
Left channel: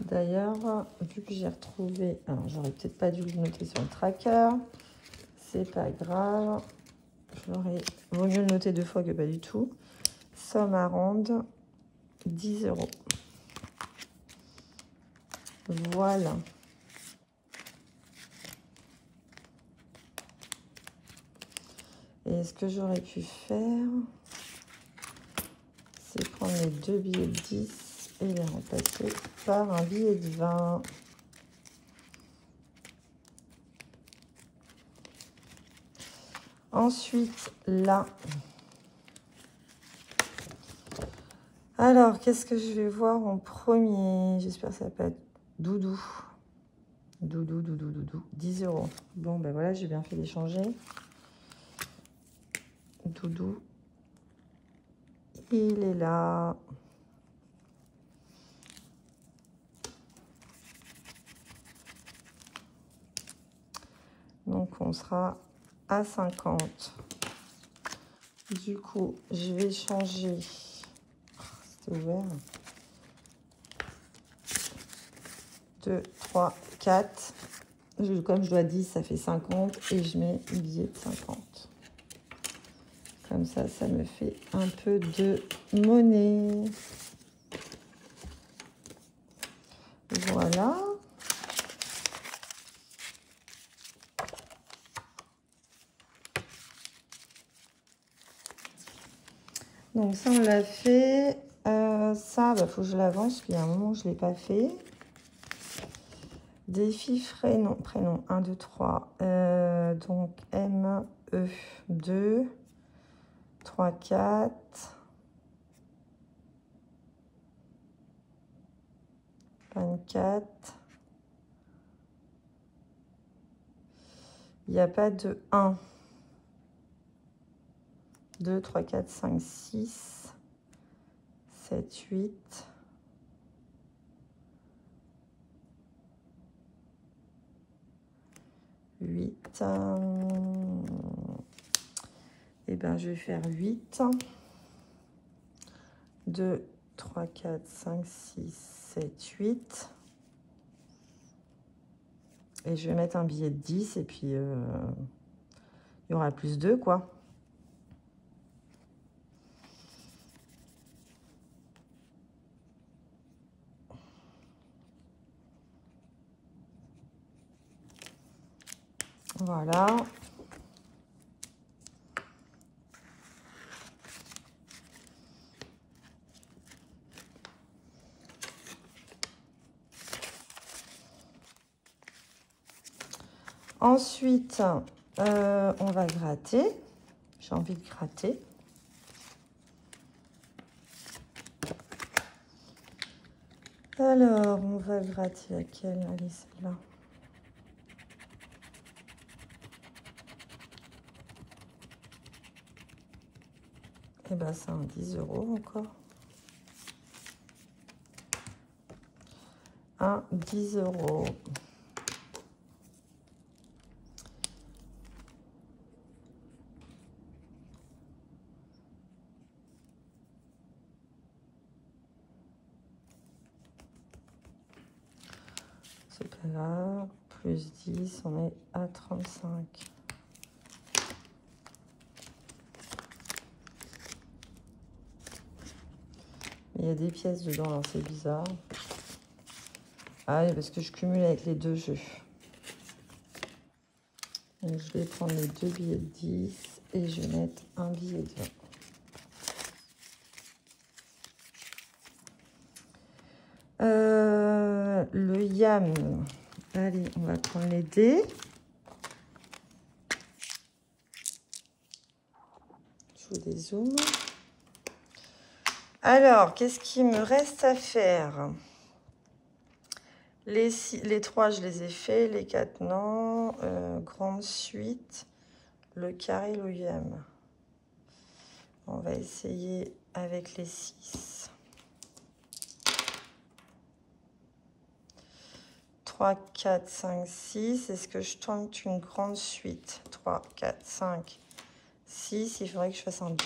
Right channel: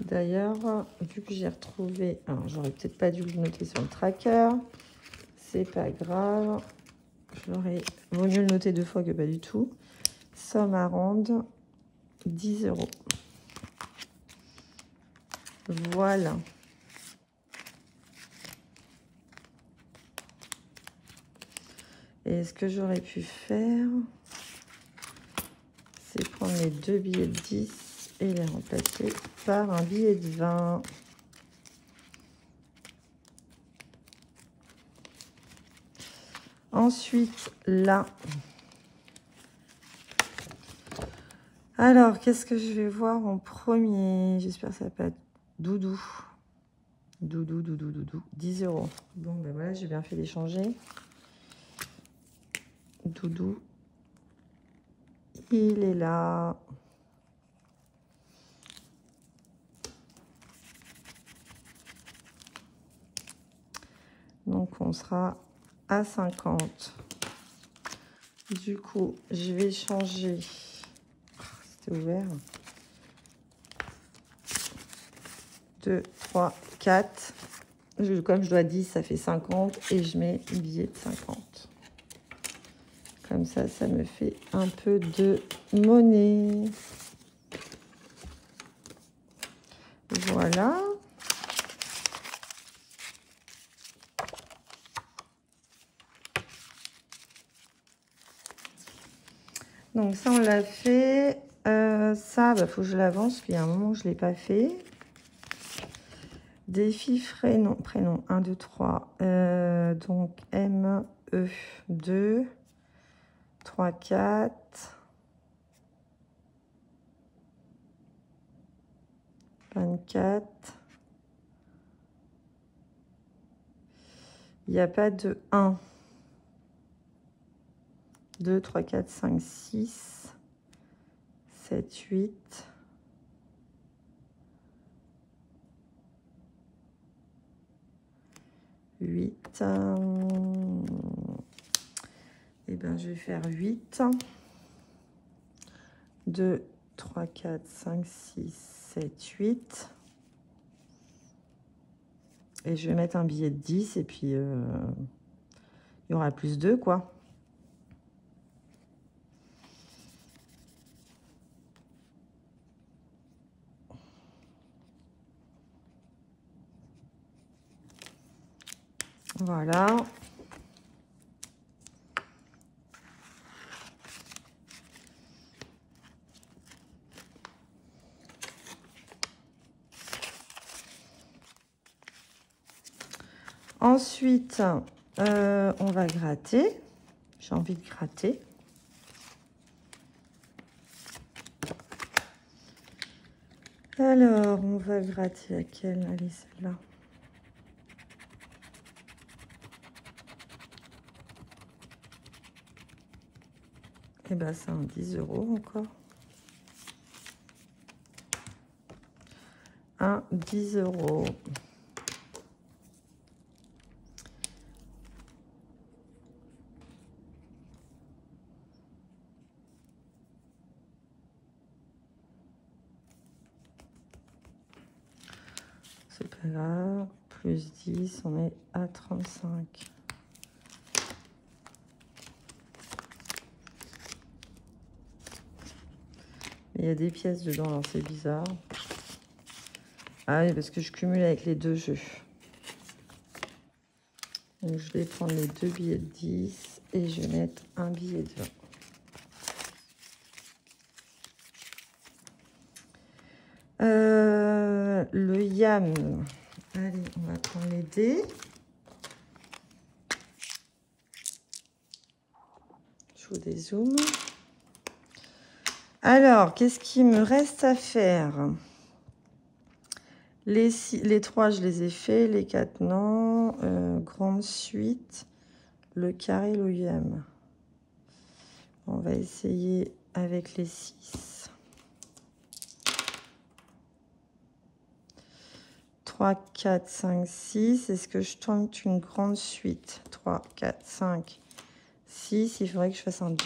D'ailleurs, vu que j'ai retrouvé, alors j'aurais peut-être pas dû vous noter sur le tracker, c'est pas grave, j'aurais vaut mieux le noter 2 fois que pas du tout. Somme à rendre 10 €. Voilà. Et ce que j'aurais pu faire, c'est prendre les 2 billets de 10 et les remplacer par un billet de 20. Ensuite, là. Alors, qu'est-ce que je vais voir en premier? J'espère que ça va pas être Doudou. Doudou. 10 €. Bon, ben voilà, j'ai bien fait d'échanger. Doudou. Il est là. Donc, on sera à 50. Du coup, je vais changer. C'était ouvert. 2, 3, 4. Comme je dois 10, ça fait 50. Et je mets un billet de 50. Comme ça, ça me fait un peu de monnaie. Donc ça, on l'a fait. Ça, faut que je l'avance. Il y a un moment où je ne l'ai pas fait. Défi prénom 1, 2, 3. Donc M, E, 2, 3, 4. Il n'y a pas de 1, 2, 3, 4, 5, 6, 7, 8, 8. Et ben je vais faire 8. 2, 3, 4, 5, 6, 7, 8. Et je vais mettre un billet de 10 et puis il y aura plus 2 quoi. Voilà. Ensuite, on va gratter. J'ai envie de gratter. Alors, on va gratter laquelle? Allez, celle-là. Et bien, c'est en 10 € encore. 10 €. C'est pas grave. Plus 10, on est à 35. Il y a des pièces dedans, c'est bizarre. Ah oui, parce que je cumule avec les deux jeux. Donc, je vais prendre les 2 billets de 10 et je vais mettre un billet de 20. Le yam. Allez, on va prendre les dés. Je vous dézoome. Alors, qu'est-ce qu'il me reste à faire? Les 3, je les ai fait. Les 4, non. Grande suite. Le carré, le yam. On va essayer avec les 6. 3, 4, 5, 6. Est-ce que je tente une grande suite? 3, 4, 5, 6. Il faudrait que je fasse un 2.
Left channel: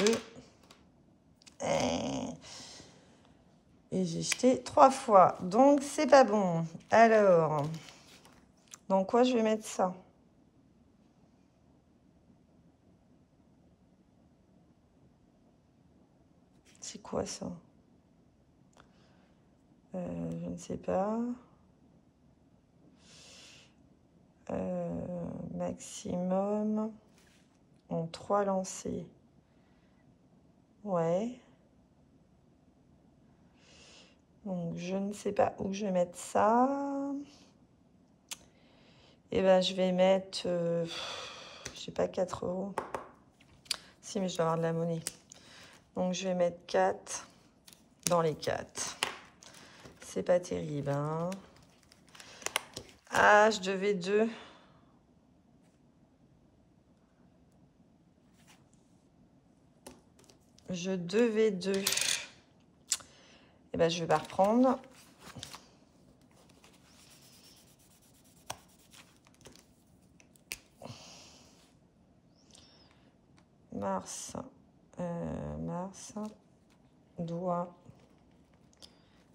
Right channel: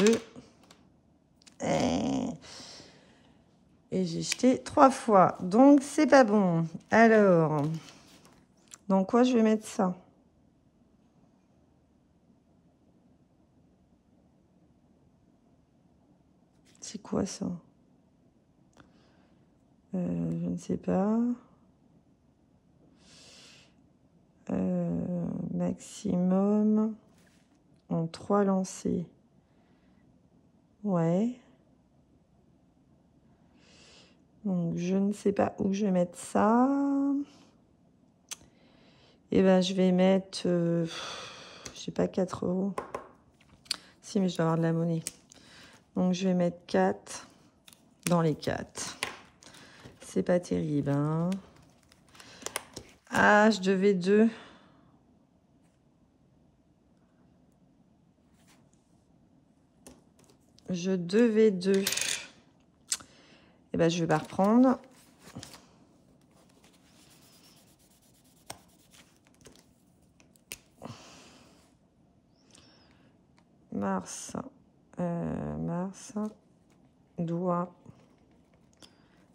Et j'ai jeté 3 fois. Donc, c'est pas bon. Alors, dans quoi je vais mettre ça? C'est quoi ça? Je ne sais pas. Maximum en 3 lancers. Ouais. Donc, je ne sais pas où je vais mettre ça. Et ben, je vais mettre, je sais pas, 4 €. Si, mais je dois avoir de la monnaie. Donc, je vais mettre 4 dans les 4. C'est pas terrible, hein. Ah, je devais 2. Je devais 2. Et ben, je vais la reprendre. Mars, doigt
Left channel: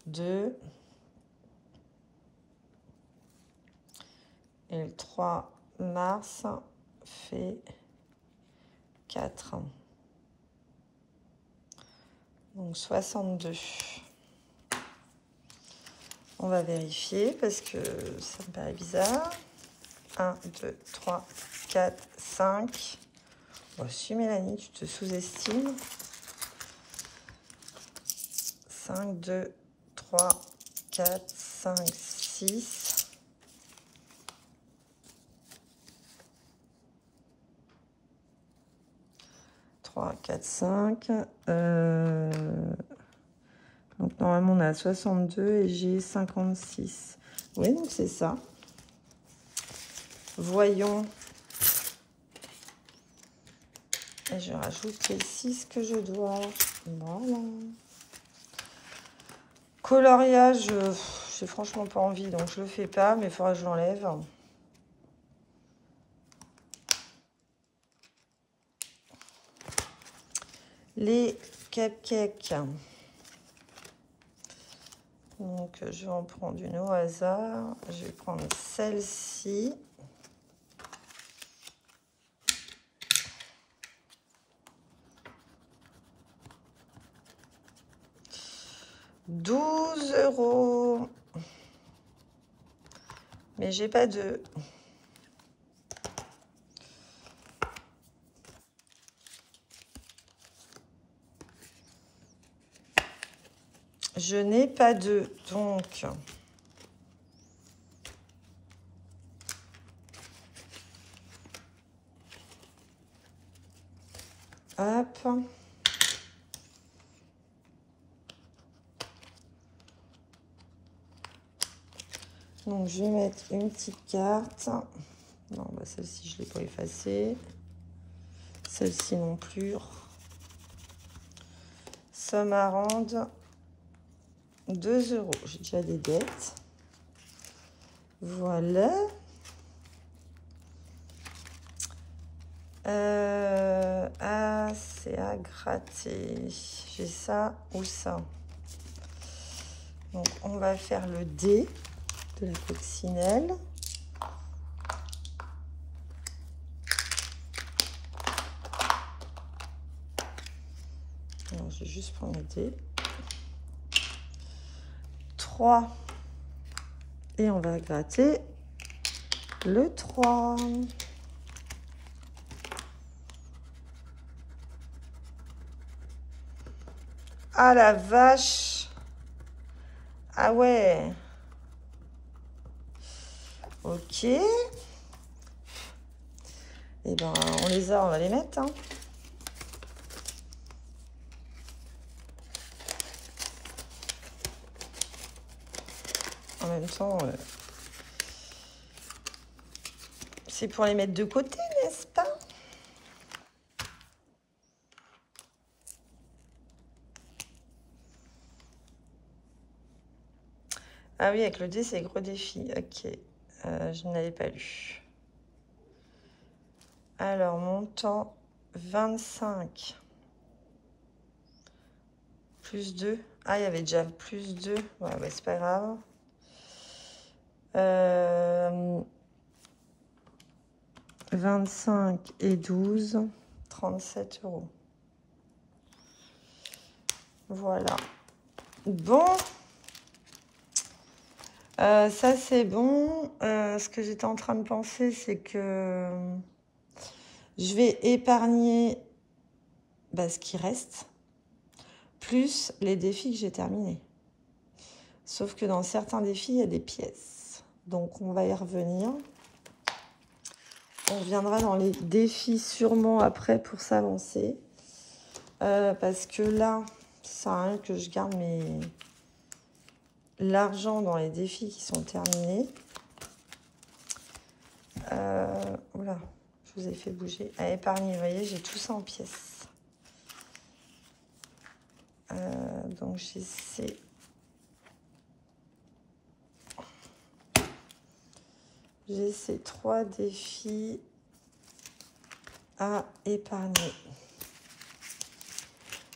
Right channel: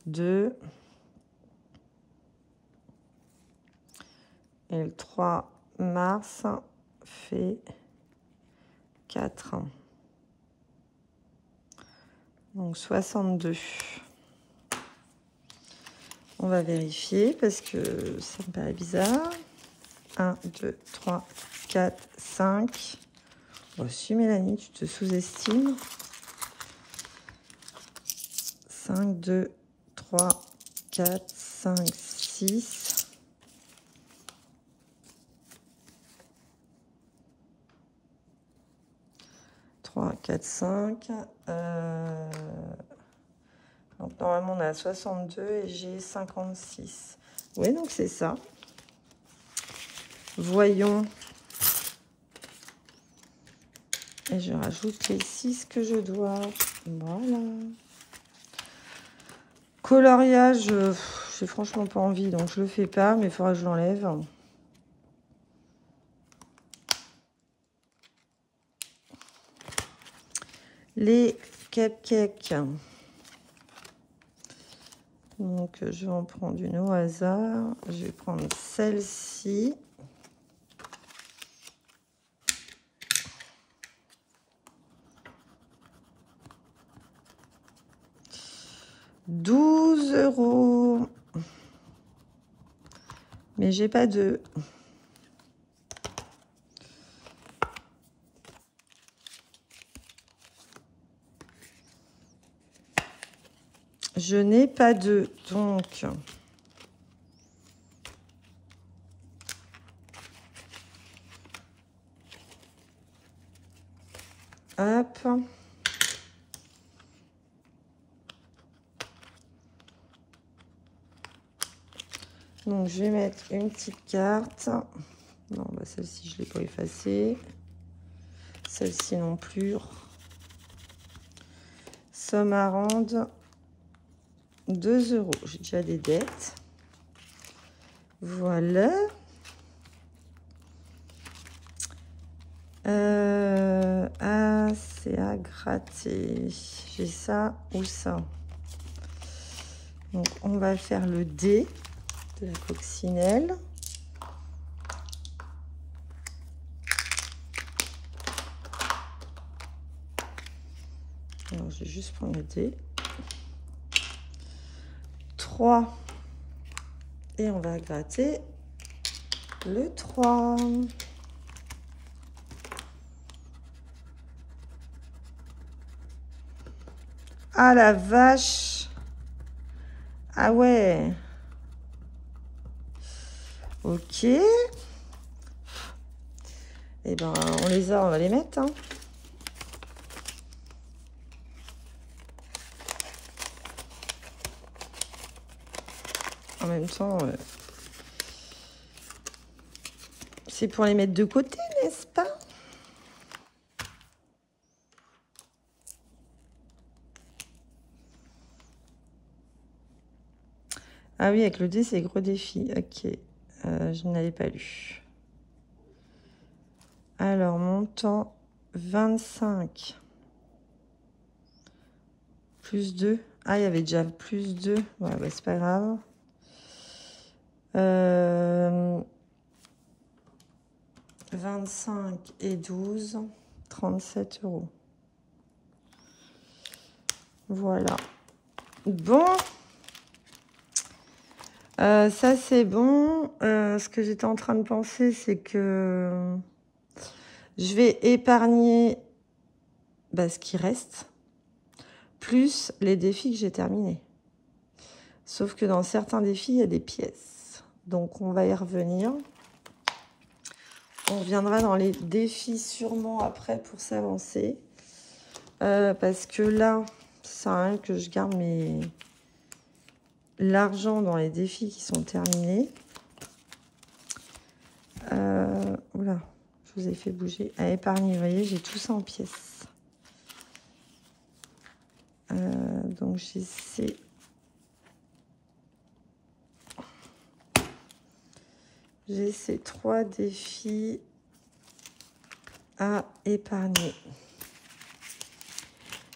2. Et le 3 mars fait 4. Donc 62. On va vérifier parce que ça me paraît bizarre. 1, 2, 3, 4, 5. Reçu, Mélanie, tu te sous-estimes. 1, 2, 3, 4, 5, 6. 3, 4, 5. Donc, normalement, on est à 62 et j'ai 56. Oui, donc c'est ça. Voyons. Et je rajoute les 6 que je dois. Voilà. Coloriage, j'ai franchement pas envie, donc je le fais pas, mais il faudra que je l'enlève. Les cupcakes. Donc, je vais en prendre une au hasard. Je vais prendre celle-ci. €12. Mais j'ai pas de... Je n'ai pas de... Donc... Hop. Donc, je vais mettre une petite carte. Non, bah celle-ci, je ne vais pas effacer. Celle-ci non plus. Somme à rendre, 2 €. J'ai déjà des dettes. Voilà. Ah, c'est à gratter. J'ai ça ou ça. Donc, on va faire le D de la coccinelle. Alors, je vais juste prendre le D. 3. Et on va gratter le 3. Ah la vache! Ah ouais! Ok. Et ben, on les a, on va les mettre. Hein. En même temps, c'est pour les mettre de côté, n'est-ce pas? Ah oui, avec le dé, c'est gros défi. Ok, je n'avais pas lu. Alors, montant 25. Plus 2. Ah, il y avait déjà plus 2. Ouais, c'est pas grave. 25 et 12. 37 €. Voilà. Bon. Ça, c'est bon. Ce que j'étais en train de penser, c'est que je vais épargner ce qui reste, plus les défis que j'ai terminés. Sauf que dans certains défis, il y a des pièces. Donc, on va y revenir. On reviendra dans les défis sûrement après pour s'avancer. Parce que là, ça sert à rien que je garde l'argent dans les défis qui sont terminés. Oula, je vous ai fait bouger. À épargner, vous voyez, j'ai tout ça en pièces. Donc, j'ai ces 3 défis à épargner.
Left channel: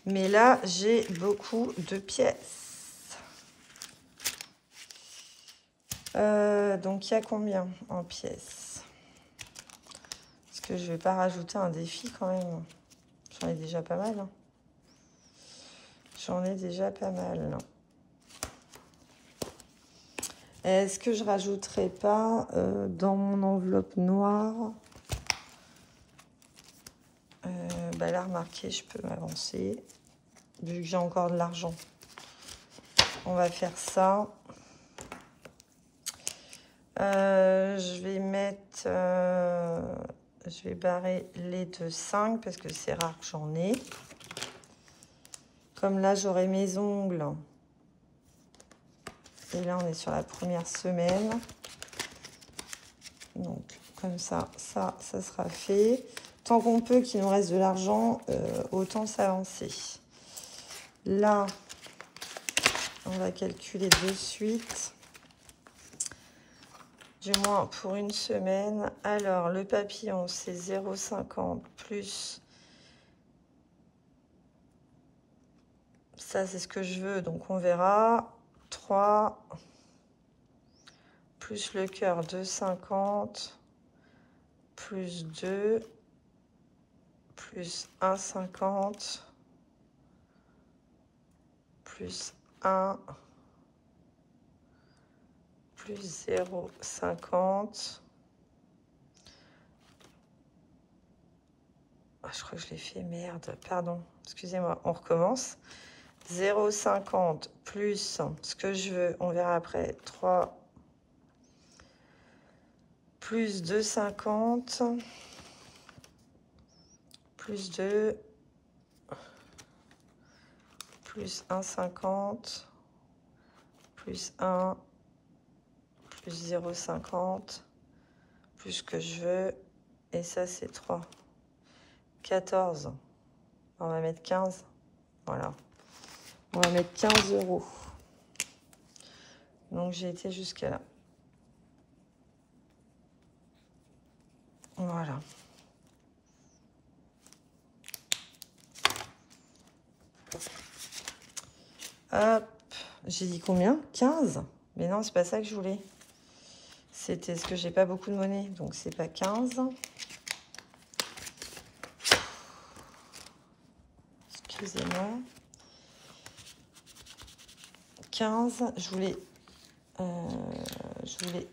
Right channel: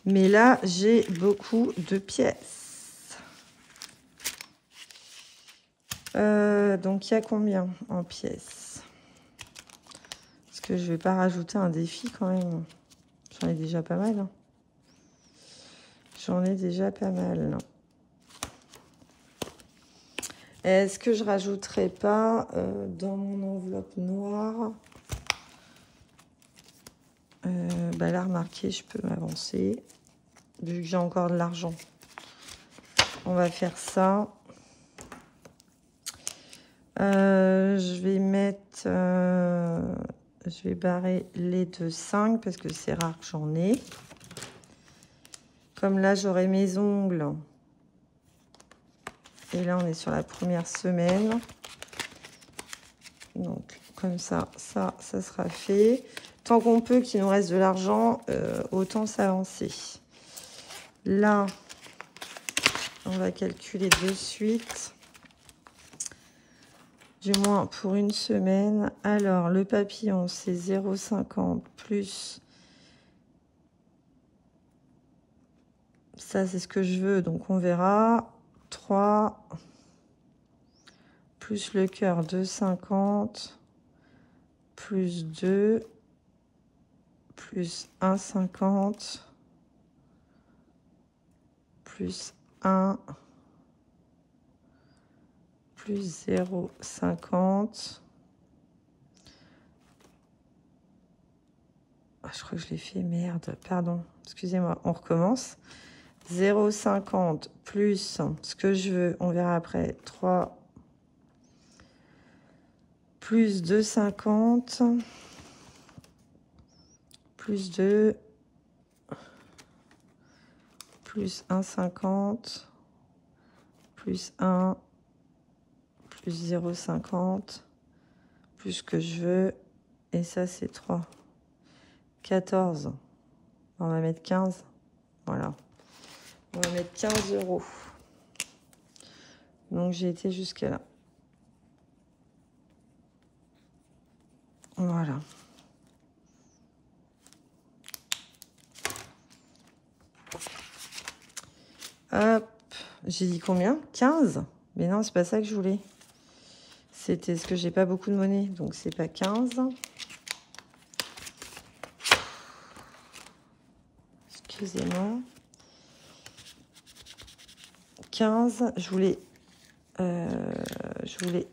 Mais là, j'ai beaucoup de pièces. Donc, il y a combien en pièces? Parce que je ne vais pas rajouter un défi quand même. J'en ai déjà pas mal. Hein. J'en ai déjà pas mal. Est-ce que je rajouterai pas dans mon enveloppe noire là, remarquez, je peux m'avancer. Vu que j'ai encore de l'argent. on va faire ça. Je vais mettre... je vais barrer les de 5 parce que c'est rare que j'en ai. Comme là, j'aurai mes ongles. Et là, on est sur la première semaine. Donc, comme ça, ça sera fait. Tant qu'on peut, qu'il nous reste de l'argent, autant s'avancer. Là, on va calculer de suite. Du moins pour une semaine. Alors, le papillon, c'est 0,50 plus... Ça, c'est ce que je veux, donc on verra. 3 plus le cœur, 2,50 plus 2 plus 1,50 plus 1 plus 0,50. Je crois que je l'ai fait, merde, pardon, excusez-moi, on recommence. 0,50 plus ce que je veux, on verra après, 3 plus 2,50 plus 2 plus 1,50 plus 1 plus 0,50 plus ce que je veux, et ça c'est 3. 14. On va mettre 15. Voilà. On va mettre 15 €. Donc, j'ai été jusque là. Voilà. Hop. J'ai dit combien? 15? Mais non, c'est pas ça que je voulais. C'était ce que j'ai pas beaucoup de monnaie. Donc, c'est pas 15. Excusez-moi. 15. Je voulais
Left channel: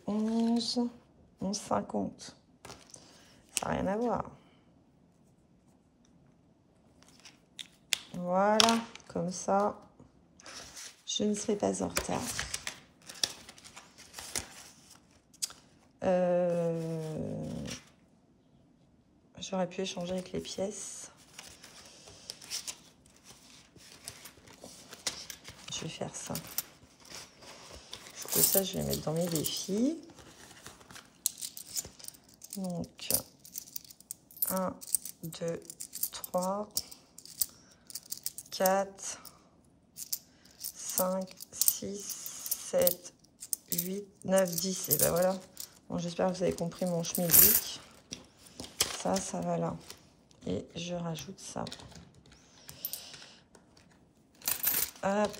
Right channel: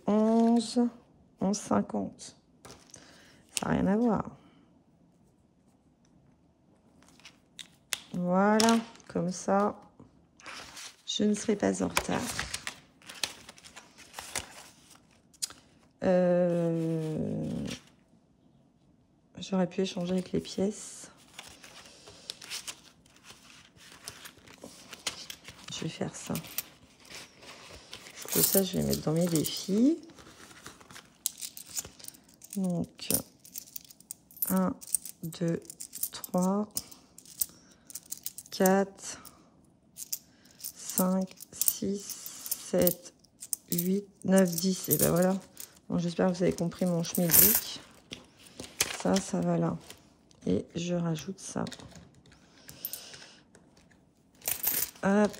11. 11,50. Ça n'a rien à voir. Voilà, comme ça, je ne serai pas en retard. J'aurais pu échanger avec les pièces. Je vais faire ça. Et ça, je vais mettre dans mes défis. Donc, 1, 2, 3, 4, 5, 6, 7, 8, 9, 10. Et ben voilà. J'espère que vous avez compris mon schmilblick. Ça va là. Et je rajoute ça. Hop.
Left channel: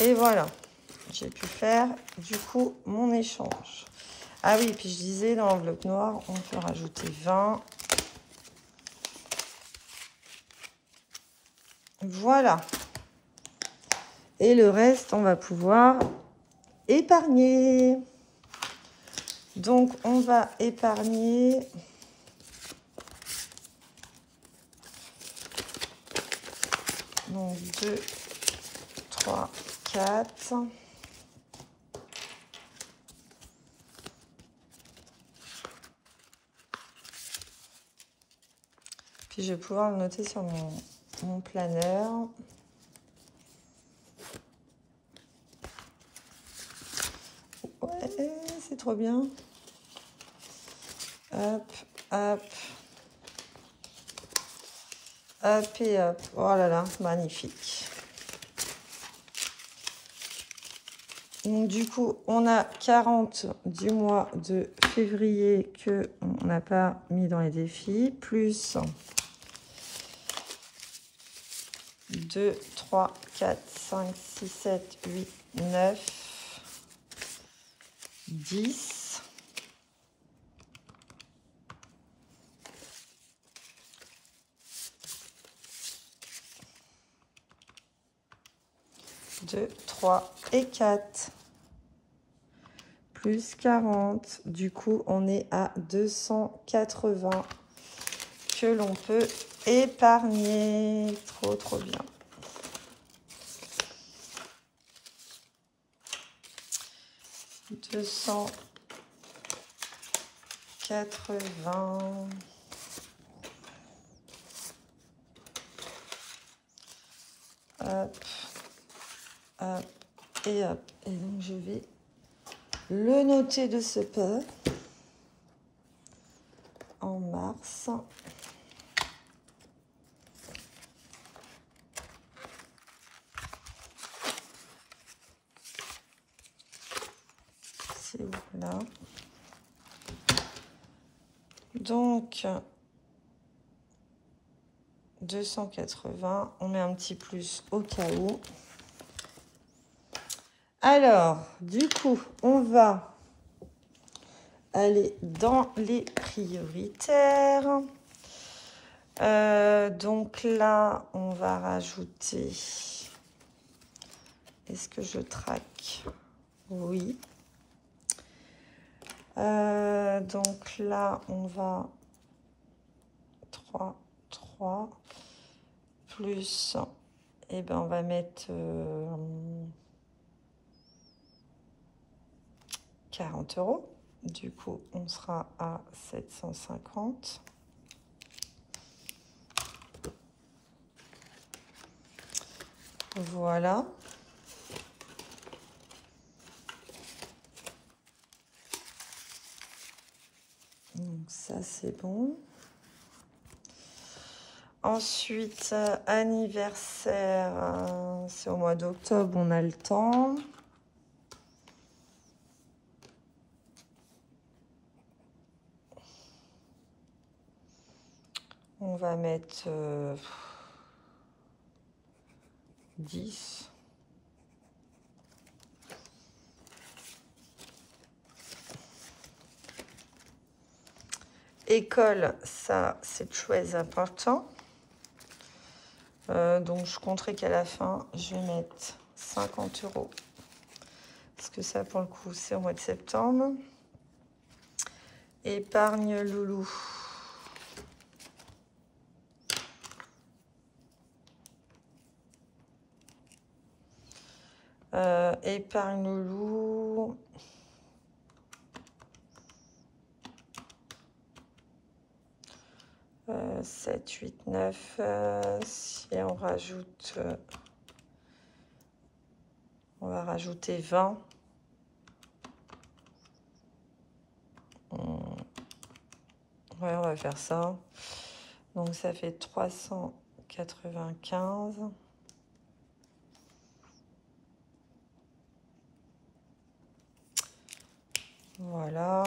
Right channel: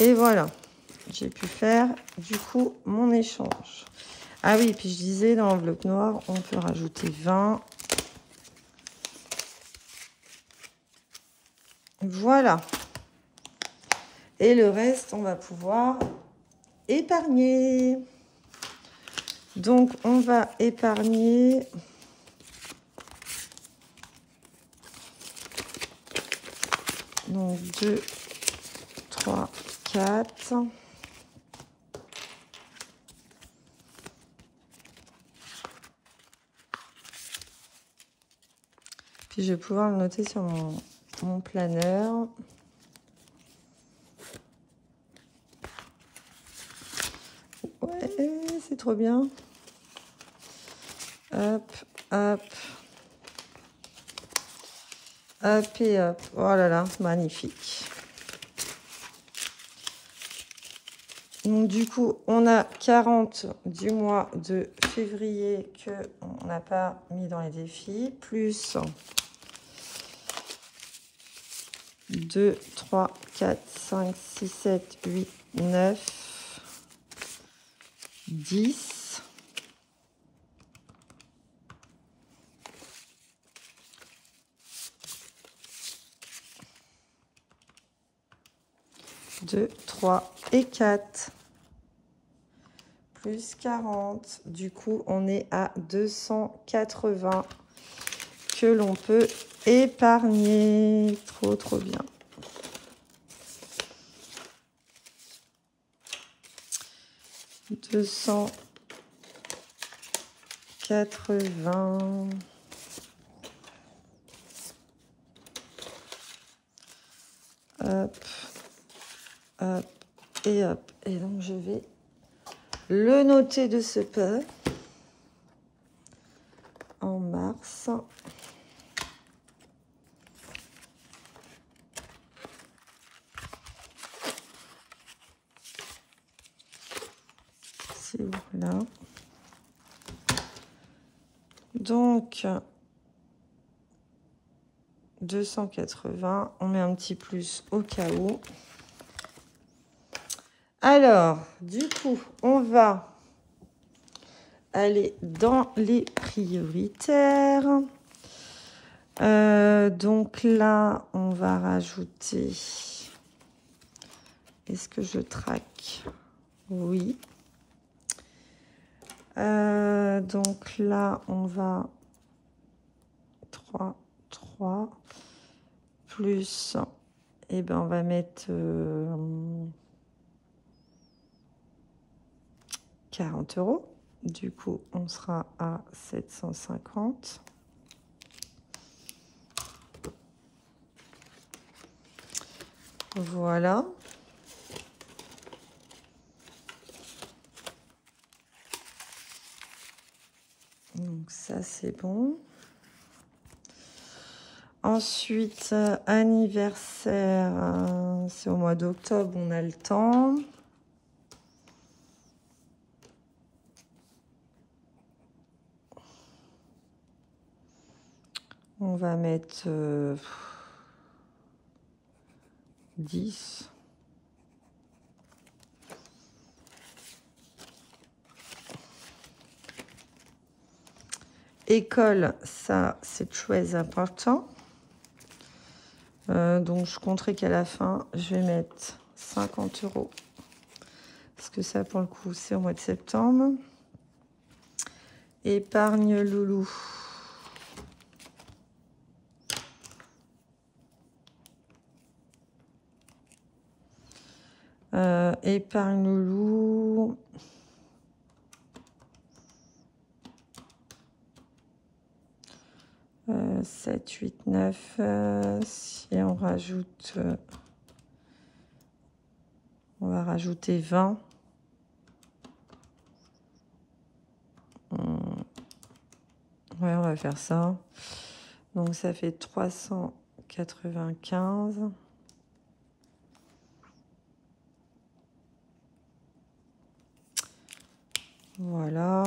Et voilà. J'ai pu faire, du coup, mon échange. Ah oui, puis je disais, dans le bloc noir, on peut rajouter 20. Voilà. Et le reste, on va pouvoir épargner. Donc, on va épargner. Donc, 2, 3, 4. Puis, je vais pouvoir le noter sur mon planeur. Ouais, c'est trop bien. Hop, hop. Hop et hop. Oh là là, magnifique. Donc, du coup, on a 40 du mois de février que on n'a pas mis dans les défis. Plus 2, 3, 4, 5, 6, 7, 8, 9, 10. 2, 3 et 4. Plus 40. Du coup, on est à 280 que l'on peut épargné. Trop, trop bien. $280. Hop, hop, et hop. Et donc, je vais le noter de ce pas en mars. C'est là. Donc, 280, on met un petit plus au cas où. Alors, du coup, on va aller dans les prioritaires. Donc là, on va rajouter... Est-ce que je traque? Oui. Donc là, on va 3 plus, et ben on va mettre 40 €. Du coup, on sera à 750. Voilà. Donc ça, c'est bon. Ensuite, anniversaire, c'est au mois d'octobre, on a le temps. On va mettre 10. École, ça c'est très important. Donc je compterai qu'à la fin, je vais mettre 50 €. Parce que ça, pour le coup, c'est au mois de septembre. Épargne loulou. Épargne loulou. « 7, 8, 9, et on va rajouter 20. Ouais, on va faire ça. Donc ça fait 395. Voilà.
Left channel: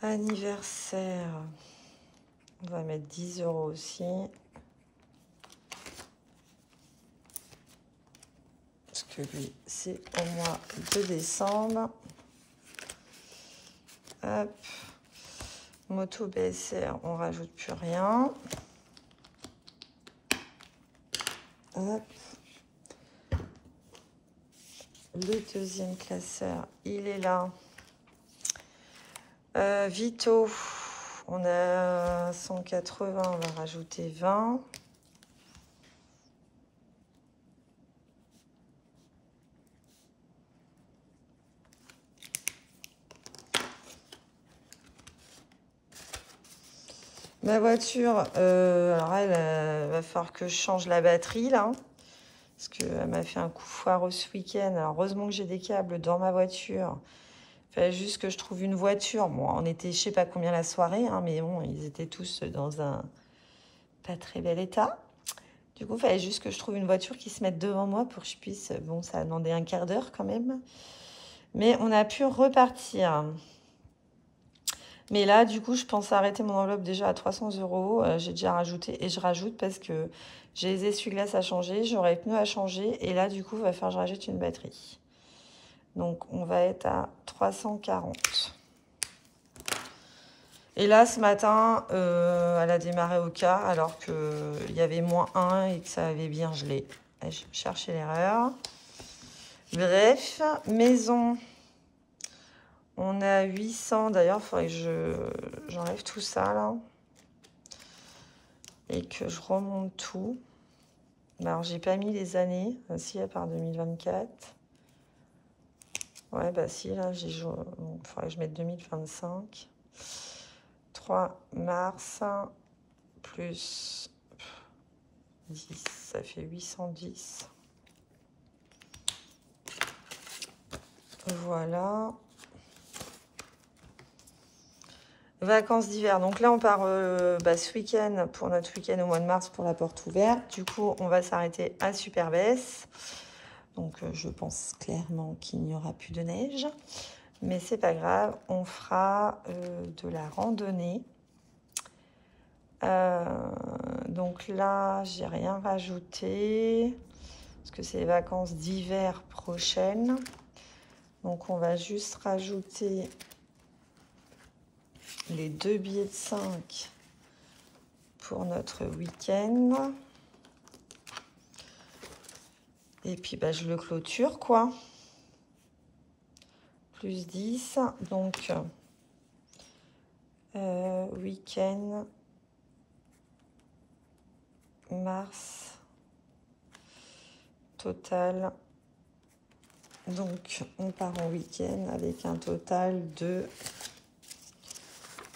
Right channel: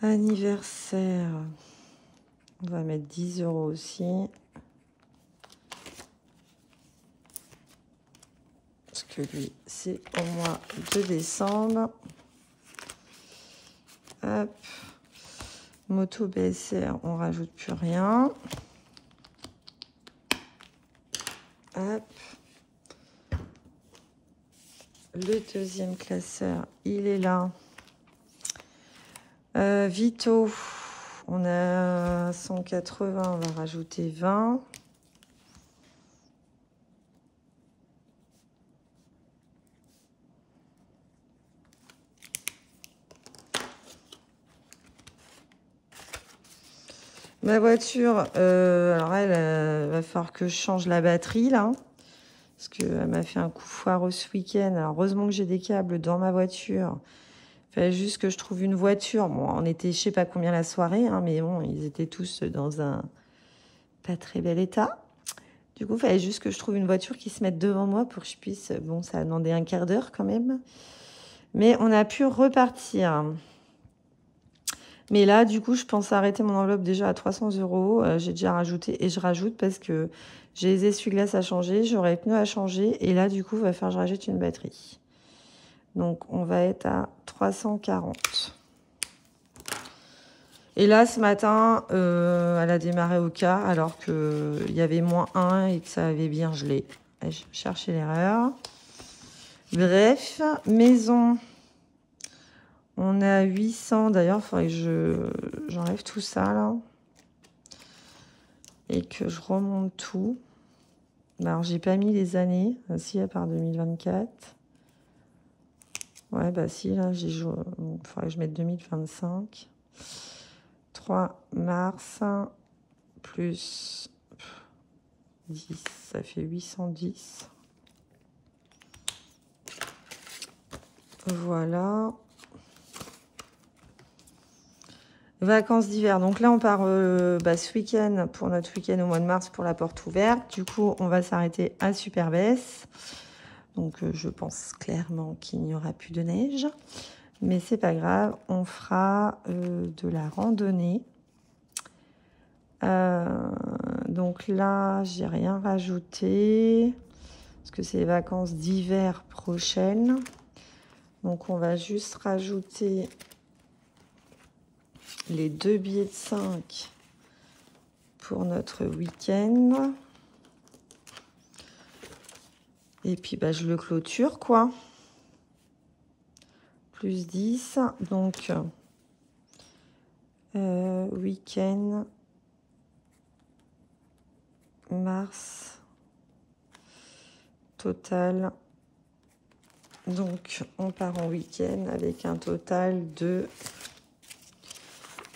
Anniversaire, on va mettre 10 € aussi. Parce que lui, c'est au mois de décembre. Hop. Moto BCR, on rajoute plus rien. Hop. Le deuxième classeur, il est là. Vito, on a 180, on va rajouter 20. Ma voiture, alors elle, va falloir que je change la batterie là. Parce qu'elle m'a fait un coup foireux ce week-end. Heureusement que j'ai des câbles dans ma voiture. Il fallait juste que je trouve une voiture. Bon, on était, je sais pas combien la soirée, hein, mais bon, ils étaient tous dans un pas très bel état. Du coup, il fallait juste que je trouve une voiture qui se mette devant moi pour que je puisse... Bon, ça a demandé un quart d'heure quand même. Mais on a pu repartir. Mais là, du coup, je pense arrêter mon enveloppe déjà à 300 €. J'ai déjà rajouté et je rajoute parce que j'ai les essuie-glaces à changer, j'aurai les pneus à changer. Et là, du coup, il va falloir que je rajoute une batterie. Donc, on va être à 340. Et là, ce matin, elle a démarré au quart alors qu'il y avait -1 et que ça avait bien gelé. Je vais chercher l'erreur. Bref, maison. On est à 800. D'ailleurs, il faudrait que j'enlève tout ça là. Et que je remonte tout. Alors, j'ai pas mis les années. Aussi, à part 2024. Ouais, bah si, là, j'ai joué. Il faudrait que je mette 2025. 3 mars. Plus 10. Ça fait 810. Voilà. Vacances d'hiver. Donc là, on part ce week-end pour notre week-end au mois de mars pour la porte ouverte. Du coup, on va s'arrêter à Superbès. Donc, je pense clairement qu'il n'y aura plus de neige. Mais c'est pas grave. On fera de la randonnée. Donc là, j'ai rien rajouté. Parce que c'est les vacances d'hiver prochaines. Donc, on va juste rajouter les 2 billets de 5 pour notre week-end. Et puis, bah, je le clôture, quoi. Plus 10. Donc, week-end, mars, total. Donc, on part en week-end avec un total de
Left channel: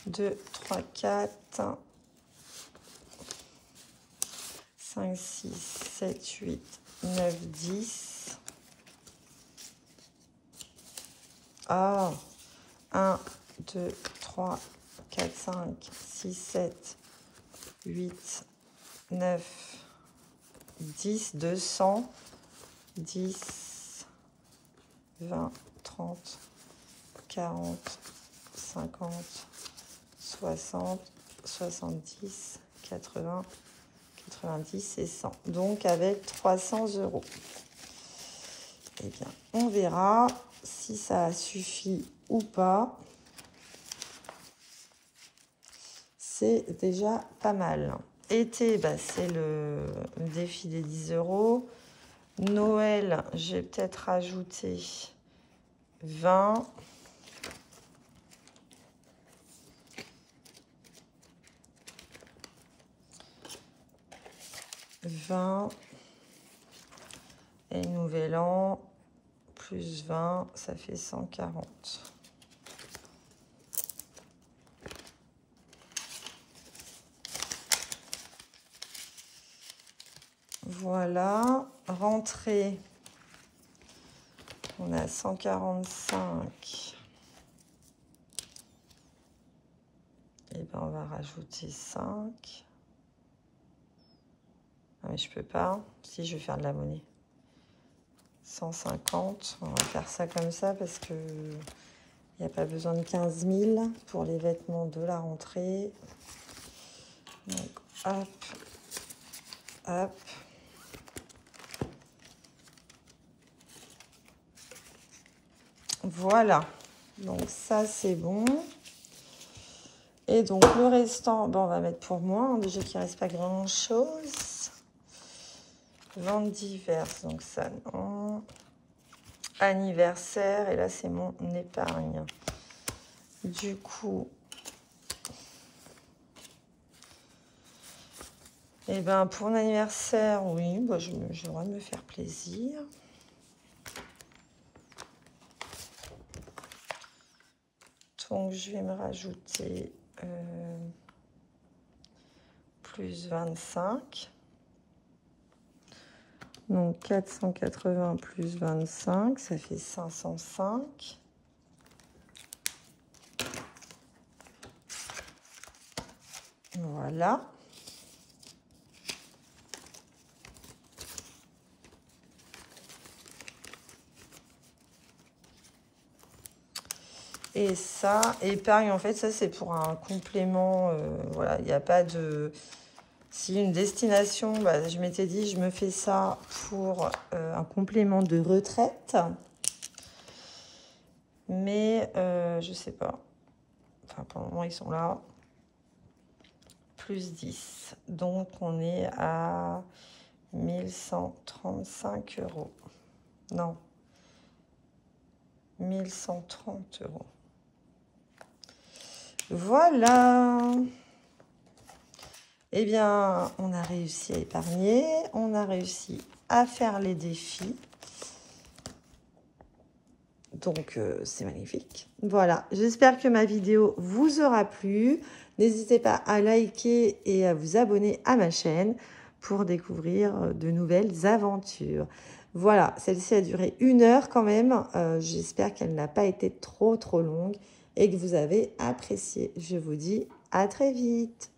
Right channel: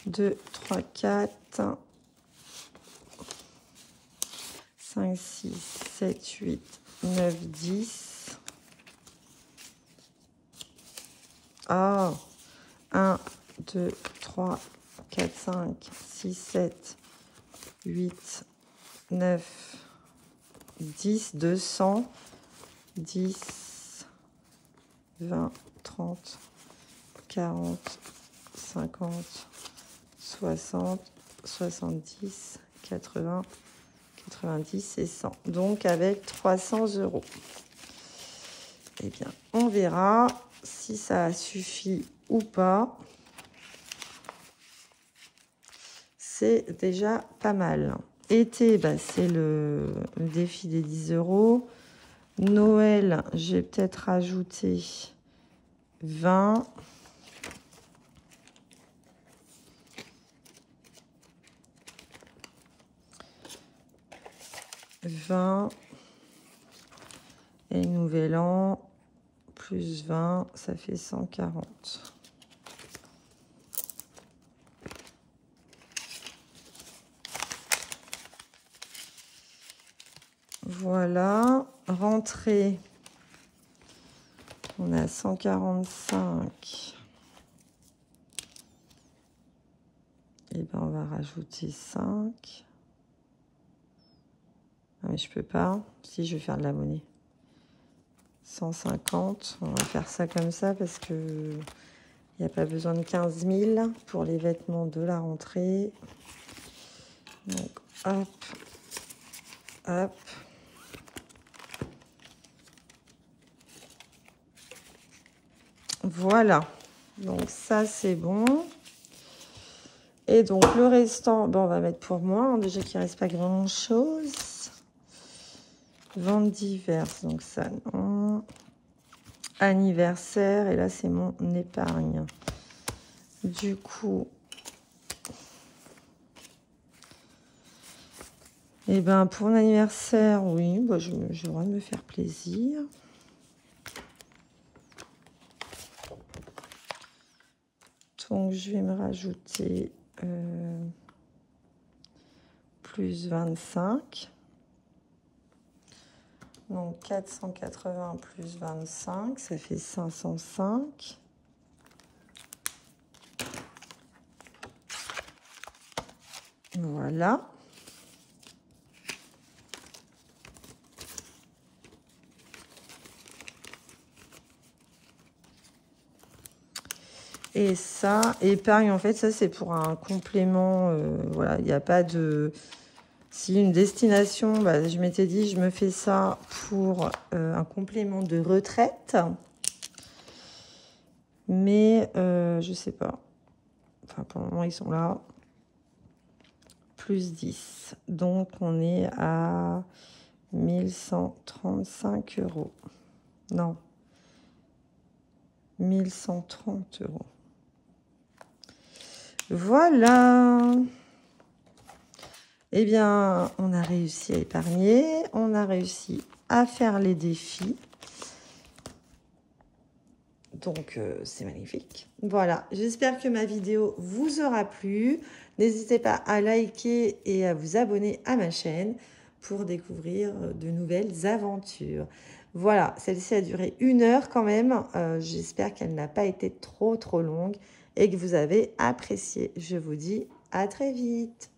2, 3, 4, 5, 6, 7, 8, 9, 10. Ah, 1, 2, 3, 4, 5, 6, 7, 8, 9, 10, 200, 10, 20, 30, 40, 50, 60, 70, 80, 90 et 100. Donc, avec 300 €. Eh bien, on verra si ça suffit ou pas. C'est déjà pas mal. Été, bah, c'est le défi des 10 €. Noël, je vais peut-être rajouter 20. 20 et nouvel an plus 20, ça fait 140. Voilà, rentrée, on a 145. Et ben on va rajouter 5. Je peux pas. Si, je vais faire de la monnaie. 150. On va faire ça comme ça parce que il n'y a pas besoin de 15 000 pour les vêtements de la rentrée. Donc, hop, hop. Voilà. Donc, ça, c'est bon. Et donc, le restant, bon, on va mettre pour moi. Déjà qu'il ne reste pas grand-chose. Vente diverses, donc ça, anniversaire, et là c'est mon épargne. Du coup, et ben pour l'anniversaire, oui, bah, je vais vraiment me faire plaisir. Donc je vais me rajouter plus 25. Donc 480 plus 25, ça fait 505. Voilà. Et ça, épargne, en fait, ça c'est pour un complément. Voilà, il n'y a pas de... Si une destination, bah, je m'étais dit, je me fais ça pour un complément de retraite. Mais je sais pas. Enfin, pour le moment, ils sont là. Plus 10. Donc, on est à 1135 €. Non. 1130 €. Voilà. Eh bien, on a réussi à épargner, on a réussi à faire les défis. Donc, c'est magnifique. Voilà, j'espère que ma vidéo vous aura plu. N'hésitez pas à liker et à vous abonner à ma chaîne pour découvrir de nouvelles aventures. Voilà, celle-ci a duré 1 heure quand même. J'espère qu'elle n'a pas été trop longue et que vous avez apprécié. Je vous dis à très vite.